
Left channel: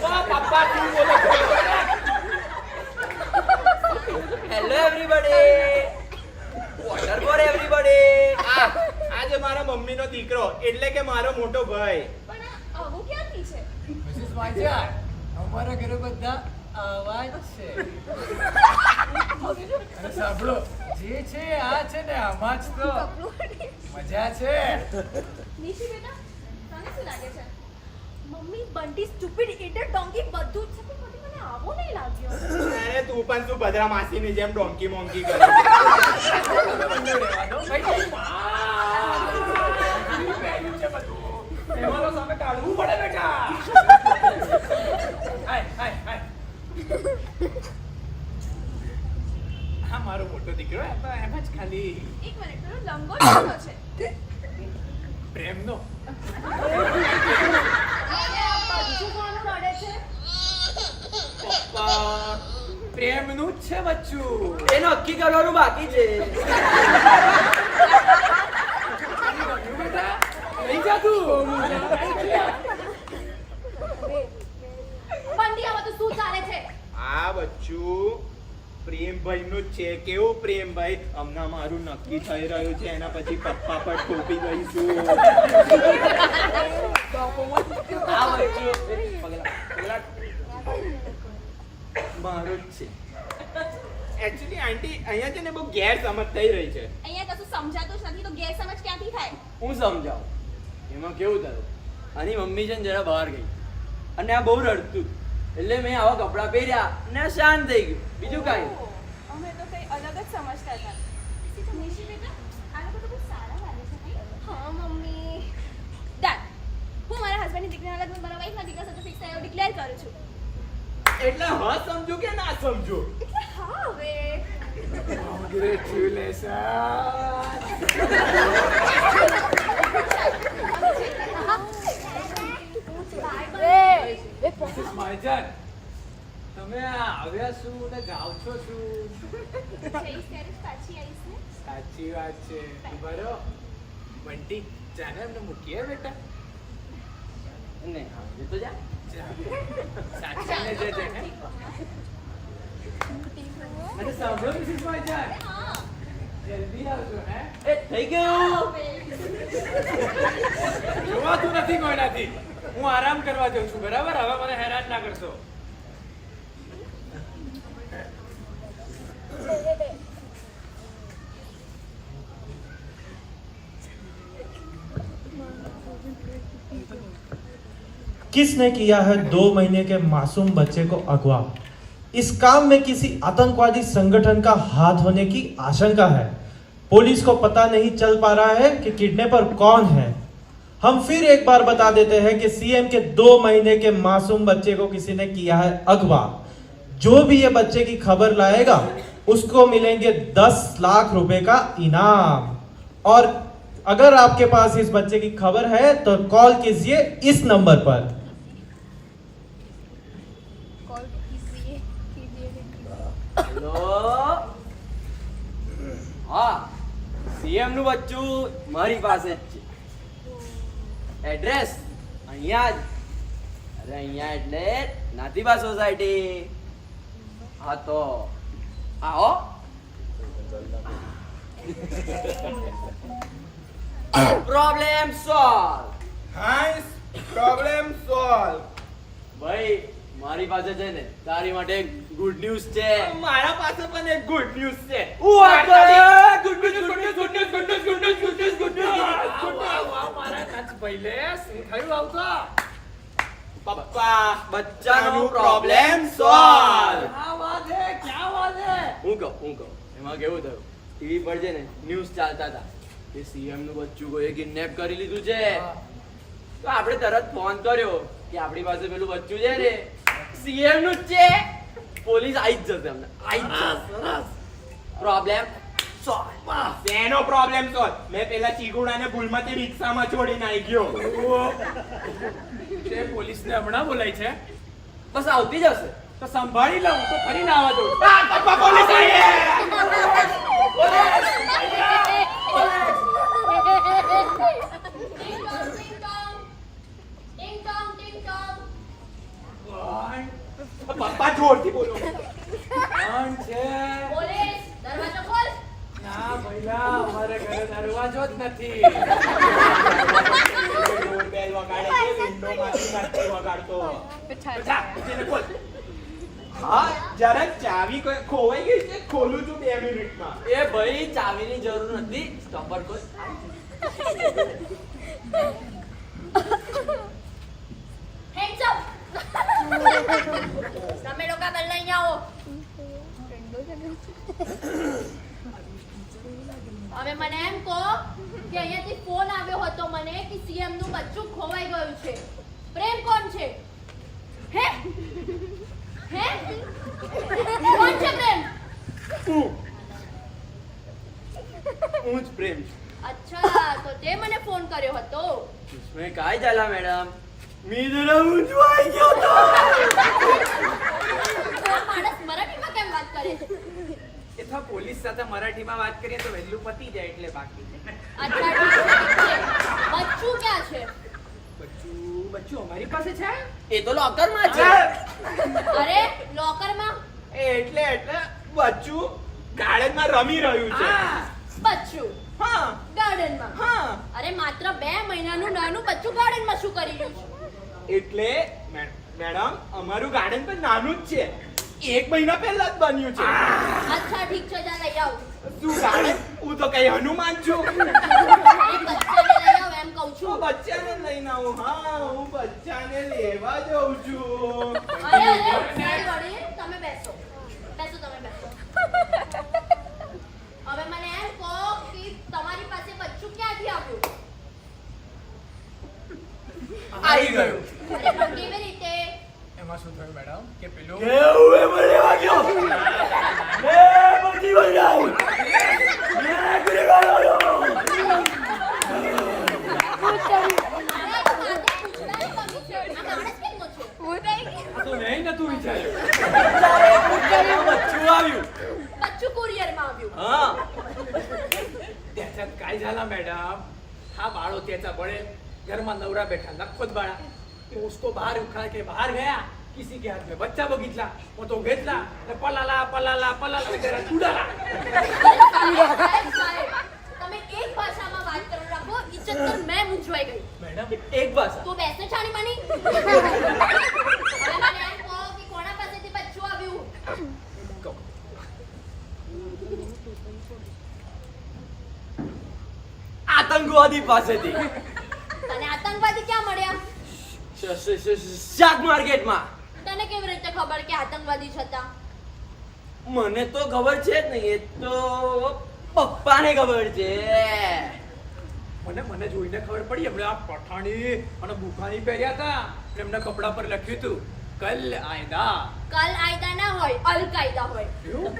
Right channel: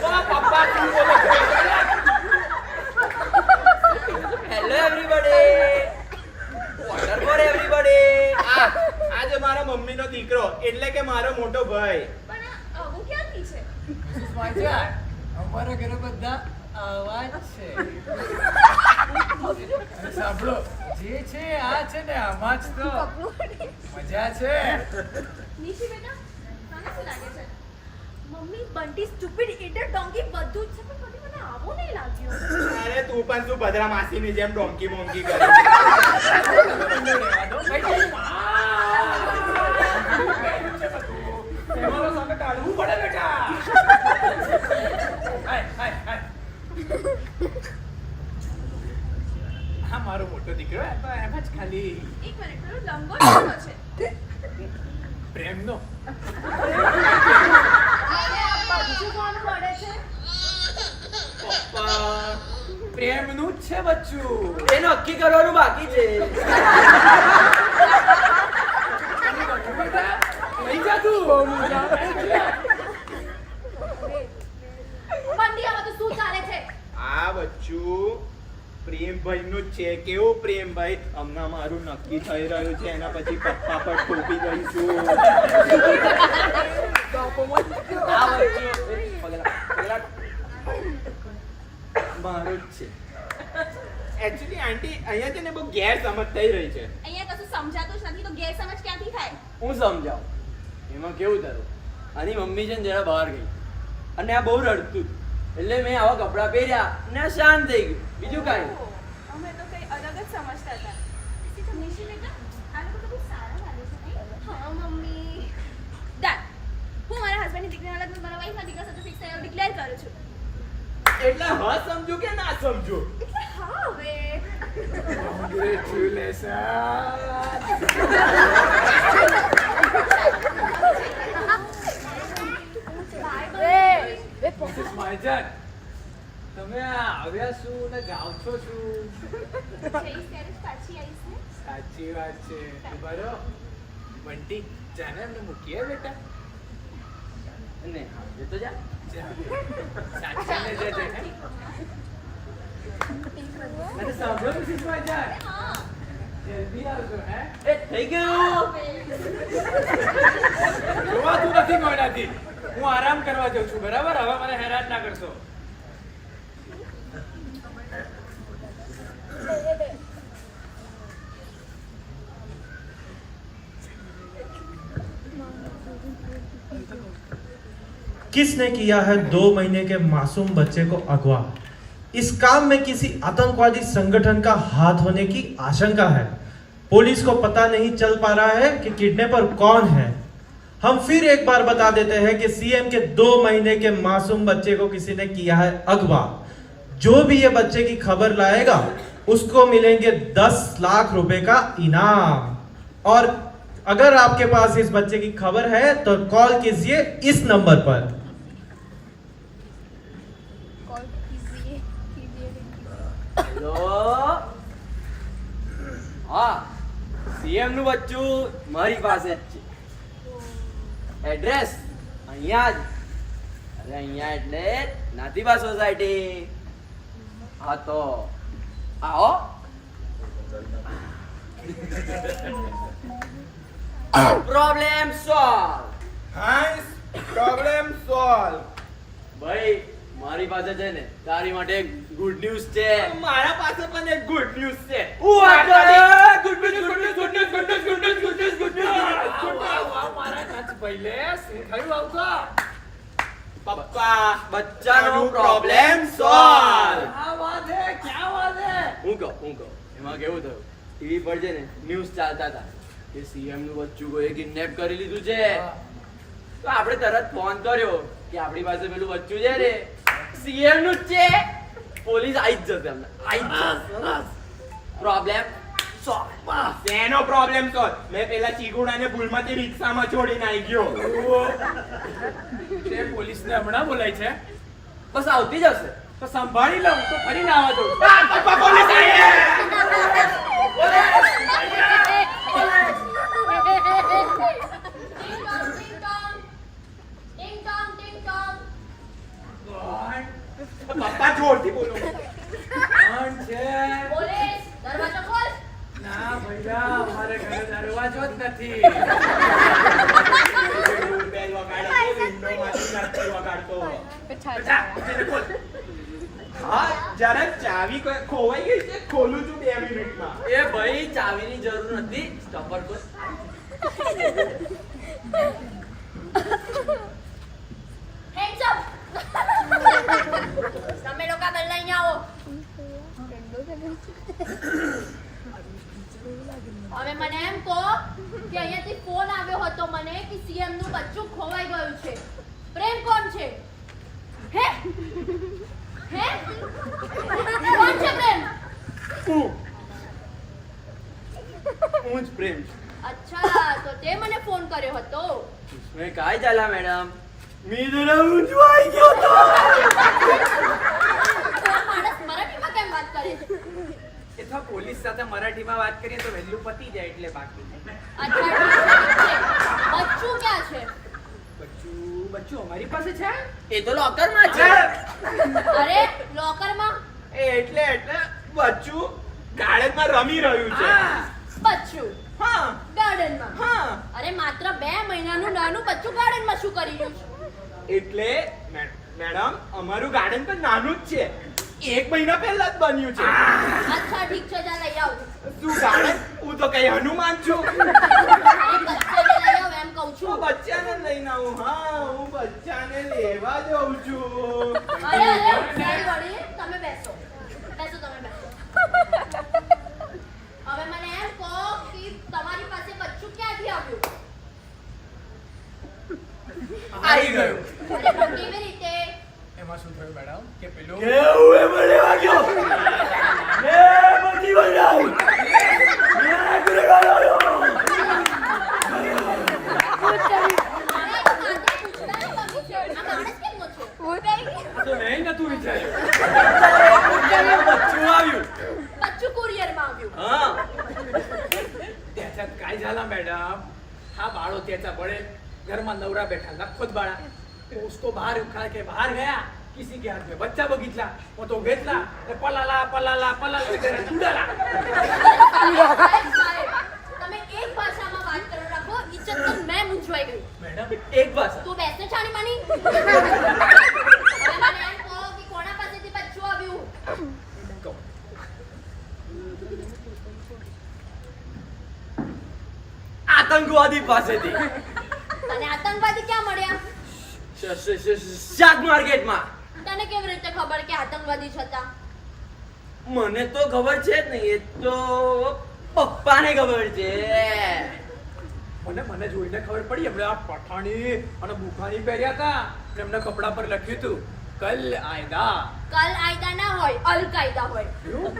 ઓ પપ્પા શું બોલો છો? Hello everybody, water for everybody. આજે મારા મમ્મીનો દીકરો એટલે કે મારો મોટો ભાઈ. પણ આ આવું ક્યાંથી છે Mrs. માજાર, અમારા ઘરે બધા આવા જ છે. અને સાંભળો, જે છે આ છે ને આમાં જ તો મજા છે. નિશી બેટા તને શું લાગે છે મમ્મી બંટી સ્ટુપિડ ઇટર ડોંકી બધું જ છે પણ કદી મને આવું નહીં લાગ્યું અરે તું પણ શું ભદ્રા માસીની જેમ ડોંકી મોંકી કરે છે? બંને રહેવા દો. ભાઈ, પહેર્યું છે બધું. તહેવારો સામે કાઢવું પડે બેટા. હાય, હાય, હાય. હા, મારો મોટો દીકરો એમ જ ખાલી એક મિનિટ પેલો લંગોટ કોનો છે પ્રેમનો. અને આ બધું કોણ પડે છે પપ્પા પ્રેમનું જ છે બચ્ચું. એ નક્કી કરવાનું બાકી છે. અને ગમ્યું બેટા? લઈ જા તું. બંટી આમાં તો શું ચાલે છે આ બચ્ચું પ્રેમભાઈનું જ છે. કેવું પ્રેમભાઈ? હમણાં મારું નક્કી થઈ રહ્યું છે, એના પછી પપ્પા પર ઠોકી જઈશું. આ બચ્ચું પગલા મારું જ છે. એકચ્યુઅલી આંટી અહીંયા છે ને બહુ ગેરસમજ થઈ રહી છે. અહીંયા કશું સમજાતું જ નથી તો ગેરસમજ ક્યાંથી થાય હું સમજાવું. એમાં કેવું થયું, આની મમ્મી છે ને જરા બહાર ગઈ અને આ બહુ રડતું હતું. એટલે મેં આવા કપડાં પહેર્યા અને આ શાંત થઈ ગયું, બીજું કાંઈ નહીં. અમે તો કઈ અલગ જ સમજતા હતા નિશી બેટા આ લોકો તો બહુ સારા લાગે છે નહીં હા મમ્મી ડન હું મારા હસબન્ડની દીકરીના લગ્ન મારા વાઈફના દીકરા સાથે ફિક્સ થયો ડિક્લેર કરું છું એટલે હા સમજો કે ના સમજો? એટલે હા હવે Congratulations. Mrs. માજાર, તમે આવ્યા શું ને જાઓ છો શું? જઈશ ત્યારે જ પાછી આવીશ ને સાચી વાત છે. બરો બંટી, જાને એમને મૂકીએ બેટા. અને હા, એ તો જા. સાચીને જજે, હે? અને સાંભળો મિસિસ માજાર, હા જલ્દી આવજો, હે? એ થઈ ગયું. જોવાતું નથી કોઈનાથી. હું આરામ કરવા જાઉં છું, બરાબર? હવે મને હેરાન ના કરશો. किसने किया है 2 महीने के मासूम बच्चे को अगवा? इस काम में किसी आतंकवादी संगठन का हाथ होने की आशंका है। पुलिस को पता नहीं चल पा रहा है कि किडनैपर कौन है। हम फिर एक बार बता देते हैं कि सीएम के 2 महीने के मासूम बच्चे को किसी ने किया है अगवा। जो भी ये बच्चे की खबर लाएगा उसको मिलेंगे 10 लाख रुपए का इनाम। और अगर आपके पास इस बच्चे की खबर है तो कॉल कीजिए इस नंबर पर। હેલો હા સીએમ નું બચ્ચું મારી પાસે જ છે એડ્રેસ અહીંયા જ અરે અહીંયા એટલે નાતીબા સોસાયટી હા તો આવો પ્રોબ્લેમ સોલ્વ હાઈસ પ્રોબ્લેમ સોલ્વ. ભાઈ મારી પાસે છે ને તારી માટે ગુડ ન્યૂઝ છે મારા પાસે પણ એક ગુડ ન્યૂઝ છે. ગુડ પપ્પા બચ્ચાનો પ્રોબ્લેમ સોલ્વ. હું કહું એમાં કેવું થયું ટીવી પર છે ને ન્યૂઝ ચાલતા હતા કે સીએમ નું બચ્ચું કોઈ કિડનેપ કરી લીધું છે તો આપણે તરત ફોન કર્યો કે આપણી પાસે પેલું બચ્ચું છે ને સીએમ નું જ છે પોલીસ આવી જ જશે અમને આવી જ જશે પ્રોબ્લેમ સોલ્વ તેનો પ્રોબ્લેમ સોલ્વ. મેં પેલા ચીગુડાને ભૂલમાંથી રિક્ષામાં છોડીને આવી ગયો. તે પોલીસને હમણાં બોલાય છે બસ આવતી જ હશે તો સંભાળી લઉં તો ફરી ના આવવા દઉં. પપ્પા પોલીસ આવી. પપ્પા જોરથી બોલો. કોણ છે? ના ભઈલા, અમારે ઘરે દરવાજો જ નથી. ડોરબેલ વગાડે છે, વિન્ડોમાંથી નથી વગાડતો. જા, એને ખોલ. હા જરા ચાવી ખોવાઈ ગઈ છે, ખોલું છું 2 મિનિટમાં. એ ભાઈ ચાવીની જરૂર નથી સ્ટોપર કોઈ તમે લોકો પહેલા અહીંયા આવો. હવે મને એમ કહો કે અહીંયાથી ફોન આવ્યો હતો મને કે સીએમ નું બચ્ચું ખોવાઈ ગયું છે. પ્રેમ કોણ છે? હે હે કોણ છે પ્રેમ? હું જ પ્રેમ છું અચ્છા, તો તે મને ફોન કર્યો હતો. મેં काय झाला मॅडम मी जरा उंचवाई गयो तो આ માણસ મરાઠીમાં કેમ વાત કરે છે? એ તો પોલીસ સાથે મરાઠીમાં વાત કરીએ તો વહેલું પતી જાય એટલે બાકી. અચ્છા ઠીક છે. બચ્ચું ક્યાં છે? બચ્ચું અમારી પાસે છે. એ તો લોકર માં છે અરે લોકરમાં? એટલે બચ્ચું ગાર્ડનમાં રમી રહ્યું છે. હા. બચ્ચું હા ગાર્ડનમાં? હા અરે માત્ર 2 મહિનાનું નાનું બચ્ચું ગાર્ડનમાં શું કરી રહ્યું છે? એટલે મેડમ અમારું ગાર્ડન પણ નાનું જ છે, 1 મહિના પહેલા જ બન્યું છે. અચ્છા ઠીક છે, જા લઈ આવ. શું ગાર્ડન? હું તો કઈ હનુમાન છું. અરે બચ્ચાને લઈ આવ એમ કહું હું છું. બચ્ચાને લઈને આવું. હા હું બચ્ચાને લેવા જઉં છું. અરે મારી વડી, તમે બેસો તમે બેસો. હવે મને એમ કહો કે તમારી પાસે બચ્ચું ક્યાંથી આવ્યું? આવી ગયો અરે પણ કેવી રીતે? એમાં શું થયું મેડમ કે પેલું કેવું એ મને વાગ્યો એ બધી વળાઈ મે ઘરે ગયો અરે તો માથે પૂછતાની કમી છે. આ માણસ કેમનો છે? આ તો નહીં નતું વિચાર્યું. બચ્ચું આવ્યું બચ્ચું કુરિયરમાં આવ્યું. હા त्याच्यात काय झाला मैडम, हा बाळ होती याचा बड़े घर में नवरा बैठा ना खुद बाळा, तो उसको बाहर उखाड़ के बाहर गया, किसी के हाथ में बच्चा बघितला, वो तो घेतला, ते पलाला घरात उडाला. સાહેબ, તમે એક ભાષામાં વાત કરો રાખો. ઇજ્જત તો મેં મૂંઝવાઈ ગઈ. મેડમ એક ભાષા તું બેસે છાણી માની. હવે મને એમ કહો કે કોના પાસેથી બચ્ચું આવ્યું? આતંકવાદી પાસેથી તને આતંકવાદી ક્યાં મળ્યા? શાક માર્કેટમાં તને કેવી રીતે ખબર કે આતંકવાદી જ હતા? મને તો ખબર છે જ નહીં, એ તો પપ્પાને ખબર છે. મને જોઈને ખબર પડી, એમણે આ પઠાણી અને બુખાની પહેર્યા હતા, એમના કપડા પર લખ્યું હતું કલ આયદા. કલ આયદા ના હોય, અલ કાયદા હોય. એવું?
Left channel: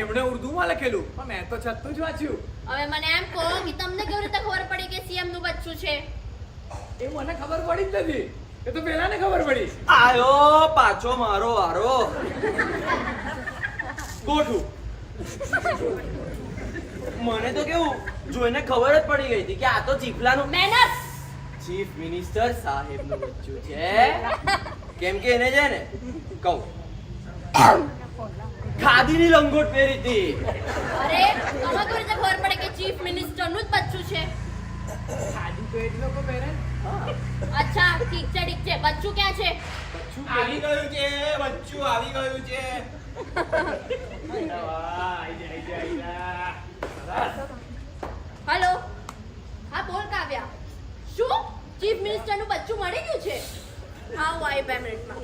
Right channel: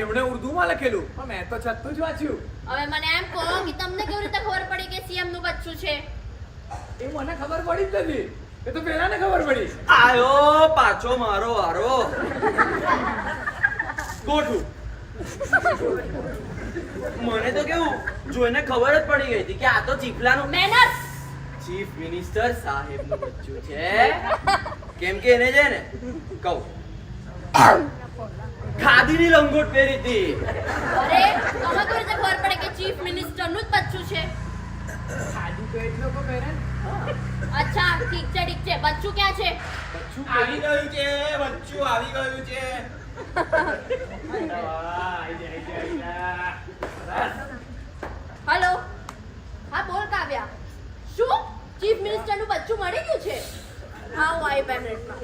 એમણે ઉર્દુમાં લખેલું, પણ મેં તો છતું જ વાંચ્યું. હવે મને એમ કહો કે તમને કેવી રીતે ખબર પડી કે સીએમ નું બચ્ચું છે? એ મને ખબર પડી જ નથી, એ તો પેલાને ખબર પડી. આયો પાછો મારો વારો. ગોઠું. મને તો કેવું જોઈને ખબર જ પડી ગઈ હતી કે આ તો ચીફલાનું મહેનત. ચીફ મિનિસ્ટર સાહેબનું બચ્ચું છે. કેમ કે એને છે ને કહું ખાદીની લંગોટ પહેરી હતી. અરે તમે કોઈ રીતે ખબર પડે કે ચીફ મિનિસ્ટરનું જ બચ્ચું છે? ખાધું તો એટલો કો પહેરે ને. અચ્છા ઠીક છે ઠીક છે. બચ્ચું ક્યાં છે? બચ્ચું આવી ગયું છે બચ્ચું આવી ગયું છે. હેલો. હા બોલ કાવ્યા. શું ચીફ મિનિસ્ટરનું બચ્ચું મળી ગયું છે? હા હું આવી 2 મિનિટમાં.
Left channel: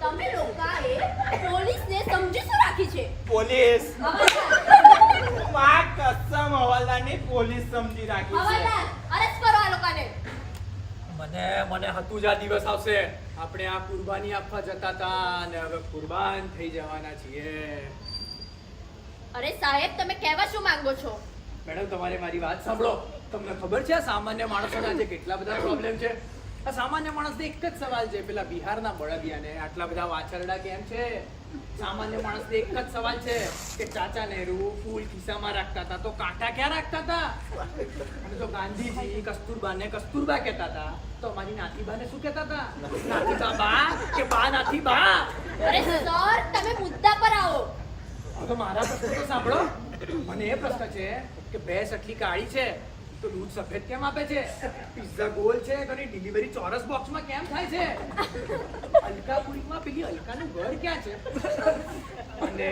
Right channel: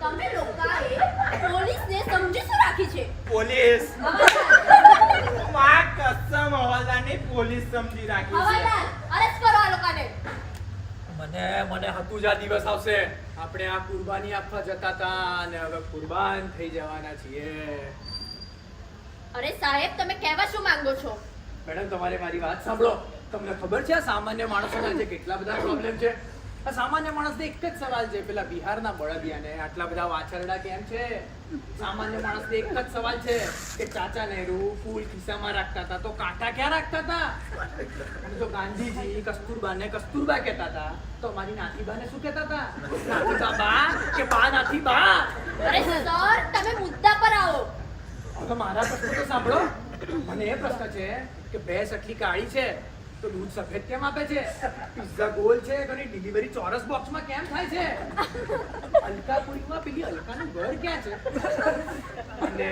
તમે લોકોએ પોલીસને સમજી શું રાખી છે? પોલીસ હવાલદાર માં કસમ હવાલદારની પોલીસ સમજી રાખી છે. હવાલદાર અરેસ્ટ કરો આ લોકોને. મને હતું જ આ દિવસ આવશે. આપણે આ કુરબાની આપવા જતા હતા અને હવે કુરબાન થઈ જવાના છીએ. અરે સાહેબ તમે કહેવા શું માંગો છો? મેડમ તમારે મારી વાત સાંભળો. તમને ખબર છે આ સામાન્ય માણસોના જે કેટલા બધા પ્રોબ્લેમ છે? આ સામાન્ય માણસને એક જ સવાલ છે, પેલા બિહારના બળદિયાને આટલા બધા વાછરડા કેમ છે? સામાન્ય માણસને એક જ સવાલ છે કે ચાચા નહેરુ ફૂલ ખિસ્સામાં રાખતા હતા તો કાંટા ક્યાં રાખતા હતા? અને જો ગાંધીજી કસ્તુરબાને કસ્તુરબા કહેતા હતા તો મારી નાથીબાને શું કહેતા હતા? નાથીબા બા કે બા નાથીબા? અરે સર તમે મુદ્દા પર આવો. હવે મારા પ્રશ્ન તો સાંભળો. મને એ પ્રશ્ન છે કે ભેંસ આટલી કાળી છે તો દૂધ સફેદ કેમ આપે છે? પિઝા ગોલ છે તો એની ડિલિવરી ચોરસ બોક્સમાં કેમ થાય છે? અલકાપુરીમાં પેલી અલકાનું ઘર ક્યાં છે? અને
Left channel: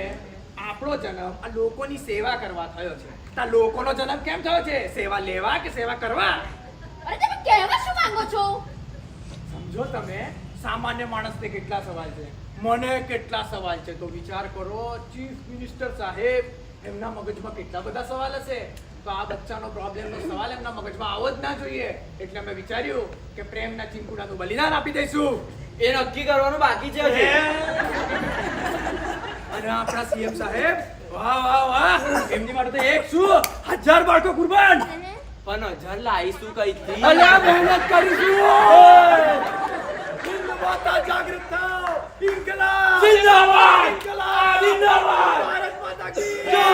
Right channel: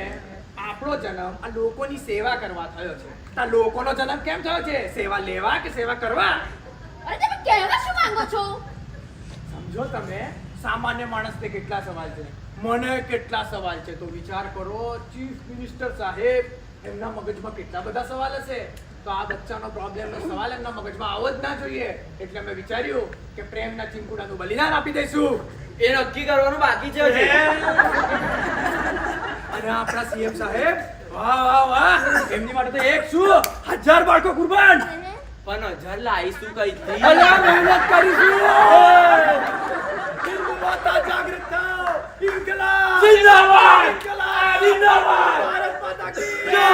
આપણો જન્મ આ લોકોની સેવા કરવા થયો છે. આ લોકોનો જન્મ કેમ થયો છે? સેવા લેવા કે સેવા કરવા? અરે તમે કહેવા શું માંગો છો? સમજો તમે, સામાન્ય માણસને કેટલા સવાલ છે, મને કેટલા સવાલ છે. તો વિચાર કરો, ચીફ મિનિસ્ટર સાહેબ એમના મગજમાં કેટલા બધા સવાલ હશે. તો આ બચ્ચાનો પ્રોબ્લેમનો સવાલ એમના મગજમાં આવો જ ના જોઈએ. એટલે અમે વિચાર્યું કે પ્રેમના ચીમકુડાનું બલિદાન આપી દઈશું. એ નક્કી કરવાનું બાકી છે હજી. અને આપણા સીએમ સાહેબ વાહ વાહ વાહ, એમની માટે તો એક શું 1000 બાળકો કુરબાન. પણ 1000 લાવીશું કઈથી? અલ્યા મહેનત કરીશું. હિન્દ માતા જાગૃત થાઓ. ઇન્કલાબ જિંદાબાદ! ઇન્કલાબ જિંદાબાદ! ભારત માતા કી જય.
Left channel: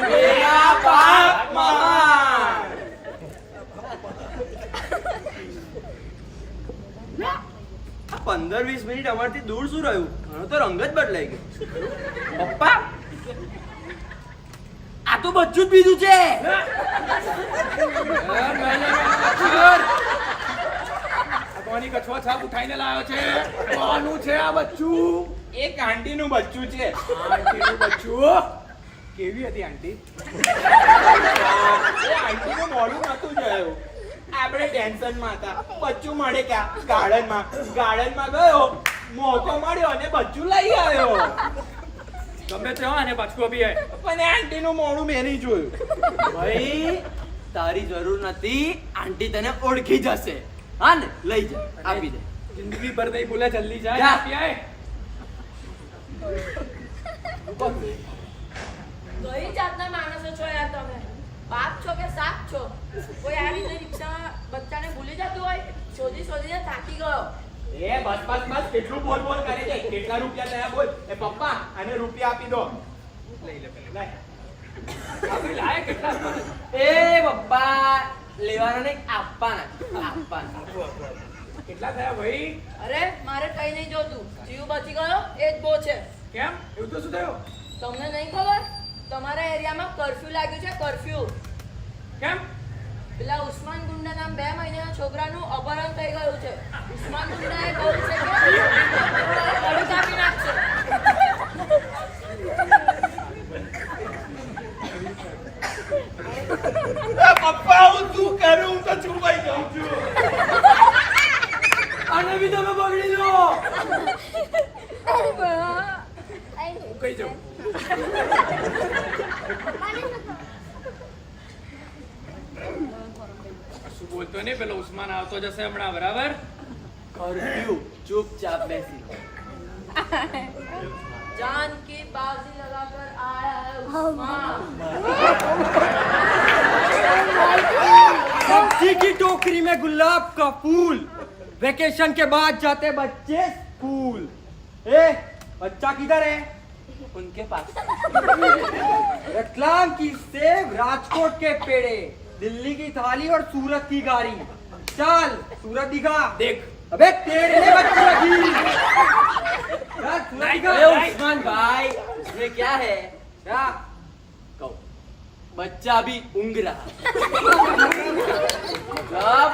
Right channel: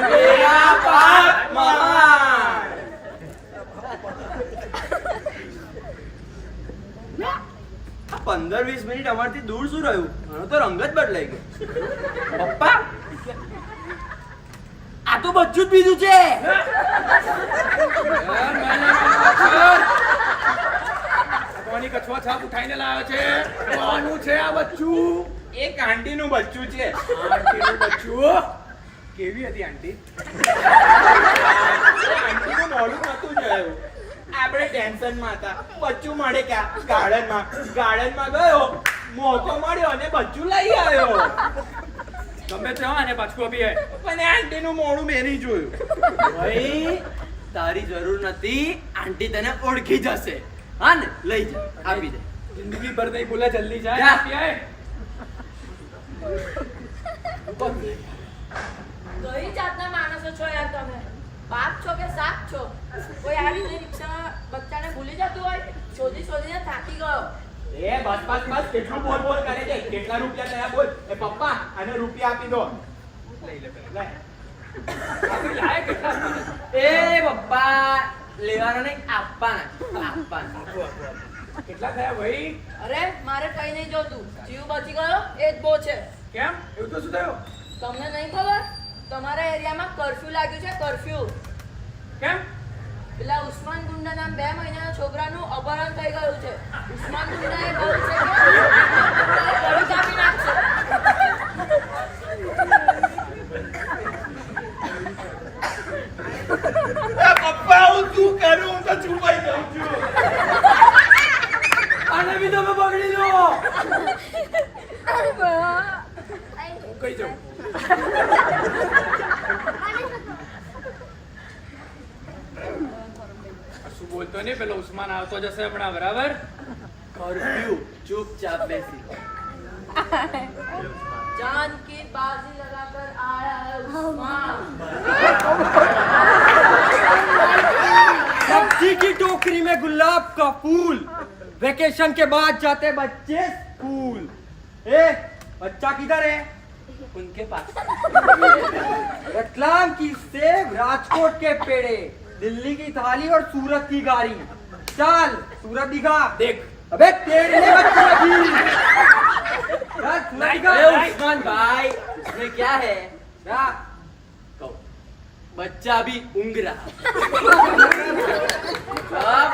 મેરા બાપ મહાન. આ 15-20 મિનિટ અમારથી દૂર શું રહ્યું? આનો તો રંગ જ બદલાઈ ગયો. પપ્પા આ તો બચ્ચું જ બીજું છે. કોની કછવા છાપ ઉઠાઈને લાવ્યો છે? કોનું છે આ બચ્ચું? એ આંટીનું બચ્ચું છે. આંટીનું બચ્ચું. કેવી હતી આંટી? એ આંટીનું મોઢું નતું જોયું. આપણે ટેન્શનમાં હતા. બચ્ચું મળે ક્યાં? ગાર્ડનમાં. ગાર્ડનમાં ગયો, મોકો મળ્યો અને બચ્ચું લઈ આવ્યો. ગમે તે હોય અને બચકો બી હે. પણ એ આંટીનું મોઢું મેં નહીં જોયું. ભાઈ તારી જરૂર નથી, આંટી તને ઓળખી જશે. હા ને, લઈ જા, આપી દે. જિંદગી ભર નહીં ભૂલે, જલ્દી જાય. જા. આપી આય. કઈ જાતના માણસો છો યાર તમે? બાપ છો કે સાપ છો? કોઈ આવી રીતે રિક્ષા બચ્ચાને ભૂલી જતું હોય? શોધી શોધીને થાકી ગયો. એ બસ બસ બસ, કેટલું બોલ બોલ કરે છે? કેટલા રૂપિયા થયા બોલ? એ પપ્પા આને રૂપિયા આપી દો. લઈ લે પેલા. આપી લાય કેટલા આપવાના છે? એ પપ્પા લેવાના નહીં, આપવાના. આપવાના. કેટલા થયા ભાઈ? અરે મારે કઈ નહીં જોતું. જીવ બચી ગયો એ જ બહુ છે. કેમ એવું તો શું થયું? તમને નહીં ખબર? તમારા એરિયામાં કર્ફ્યુ લાગ્યું છે. કર્ફ્યુ. કેમ? પેલા ઉસ્માન ગુંડા નામ 2 મહિનાના છોકરાનું અપહરણ થઈ ગયું છે. ઉસ્માન ગુંડા એ કહ્યું છે કે ગળું કાપી નાખશે. પપ્પા હું શું કરું? હું તો છુપાઈ જાઉં છું. આને બી તમે પકડી લો. હું કઈ જાઉં. શું બોલતો નહીં, પેલો ઉસ્માન આવતો જશે હમણાં, બરાબર? કર્ફ્યુ, ચૂપચાપ બેસી રહો. जान की बाजी लगाकर आया है उस्मान. सब्जी की टोकरी में गुलाब का फूल, वेकेशन के बाद जाते बच्चे स्कूल। ए बच्चा किधर है? उनके पास। रतलाम की सेब, राजकोट के पेड़े, दिल्ली की थाली और सूरत की गाड़ी। चल सूरत दिखा। देख अबे तेरे लिए बच्ची लगी। चल सूरत दिखा। अरे उस्मान भाई इसमें क्या है? क्या? कहो बच्चा भी ऊँग रहा मतलब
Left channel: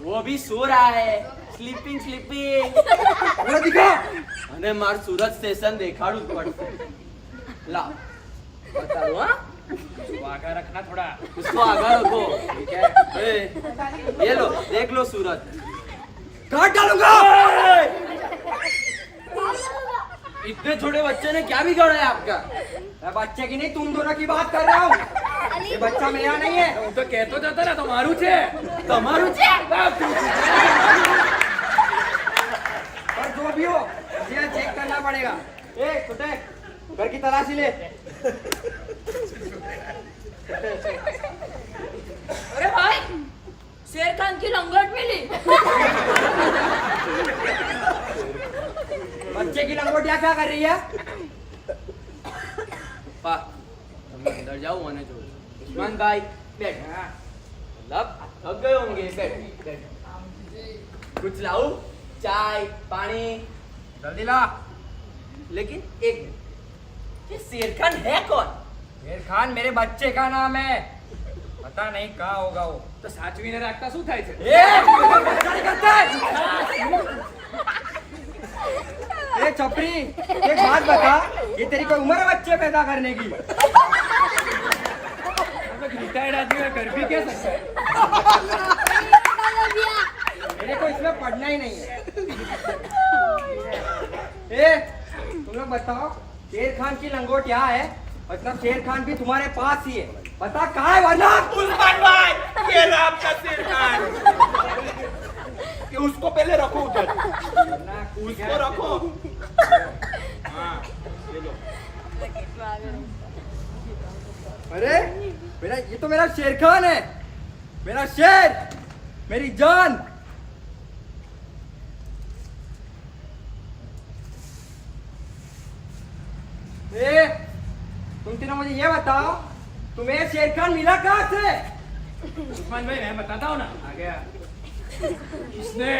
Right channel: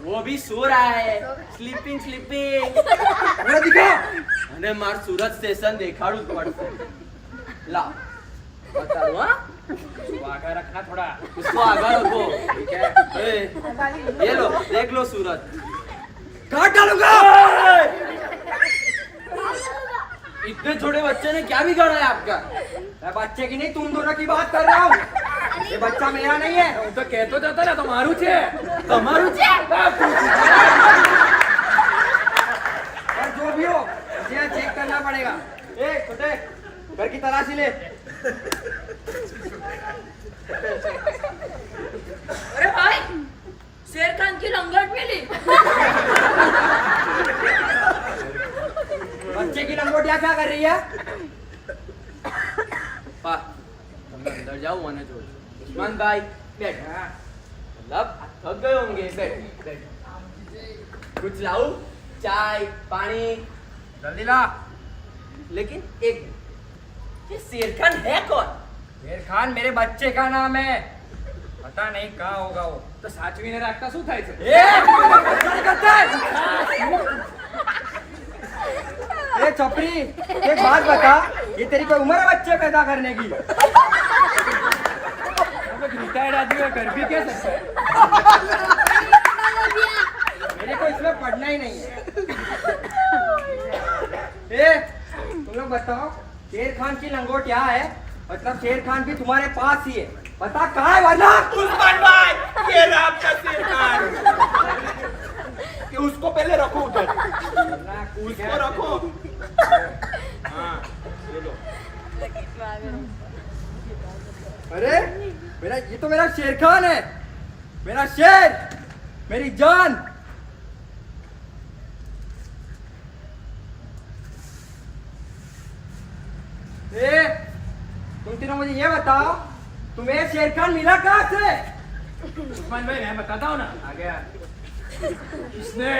वो भी सो रहा है, સ્લીપિંગ सूरत दिखा। અને માર સુરત સ્ટેશન દેખાડું જ પડશે. લાવ બતાડું હા. आगे रखना थोड़ा। उसको आगे रखो. ठीक है। ए, ये लो देख लो सूरत. काट डालूंगा। इतने छोटे बच्चे ने क्या बिगाड़ा है आपका? मैं बच्चे की नहीं तुम दोनों की बात कर रहा हूँ। ये बच्चा मेरा नहीं है। હું તો કહેતો જ હતો ને તમારું છે। તમારું છે? और जो भी हो मुझे यहाँ चेक करना पड़ेगा। ए छोटे घर की तलाशी ले। अरे भाई शेर खान की लंगोट मिली। बच्चे की लंगोटिया क्या कर रही है? પપ્પા તમે અંદર જાઓ અને જોજો. ઉસ્માન ભાઈ બેઠ. मतलब थक गए होंगे. बैठ बैठ. कुछ लाऊं? चाय पानी? जल्दी ला। लेकिन एक मिनट, ये शेर खान है कौन? शेर खान मेरे बच्चे का नाम है। पता नहीं कहाँ होगा वो। તો સાચવીને રાખતા શું થાય છે? ए बच्चा नहीं करता है। ए चपरी एक बात बता, ये तेरी कोई उम्र है बच्चे पैदा करने की? अब एक रिटायर्ड आदमी है, कर भी क्या सकता है? मेरे को इसमें पढ़ना ही नहीं है। ए तुम लोग बताओ, शेर खान की लंगोट यहाँ है, मतलब शेर खान भी तुम्हारे पास ही है। बता कहाँ है वरना? उस्मान भाई ये रहा आपका शेर खान। कि उसको पहले रखो उधर, उसको रखो। हाँ ये लो। अरे मेरा ये तो मेरा शेर खान है, मेरा शेर, मेरी जान। ए तुम तीनों मुझे ये बताओ, तुम्हें शेर खान मिला कहाँ से? उस्मान भाई मैं बताता हूँ ना। आ गया। इसने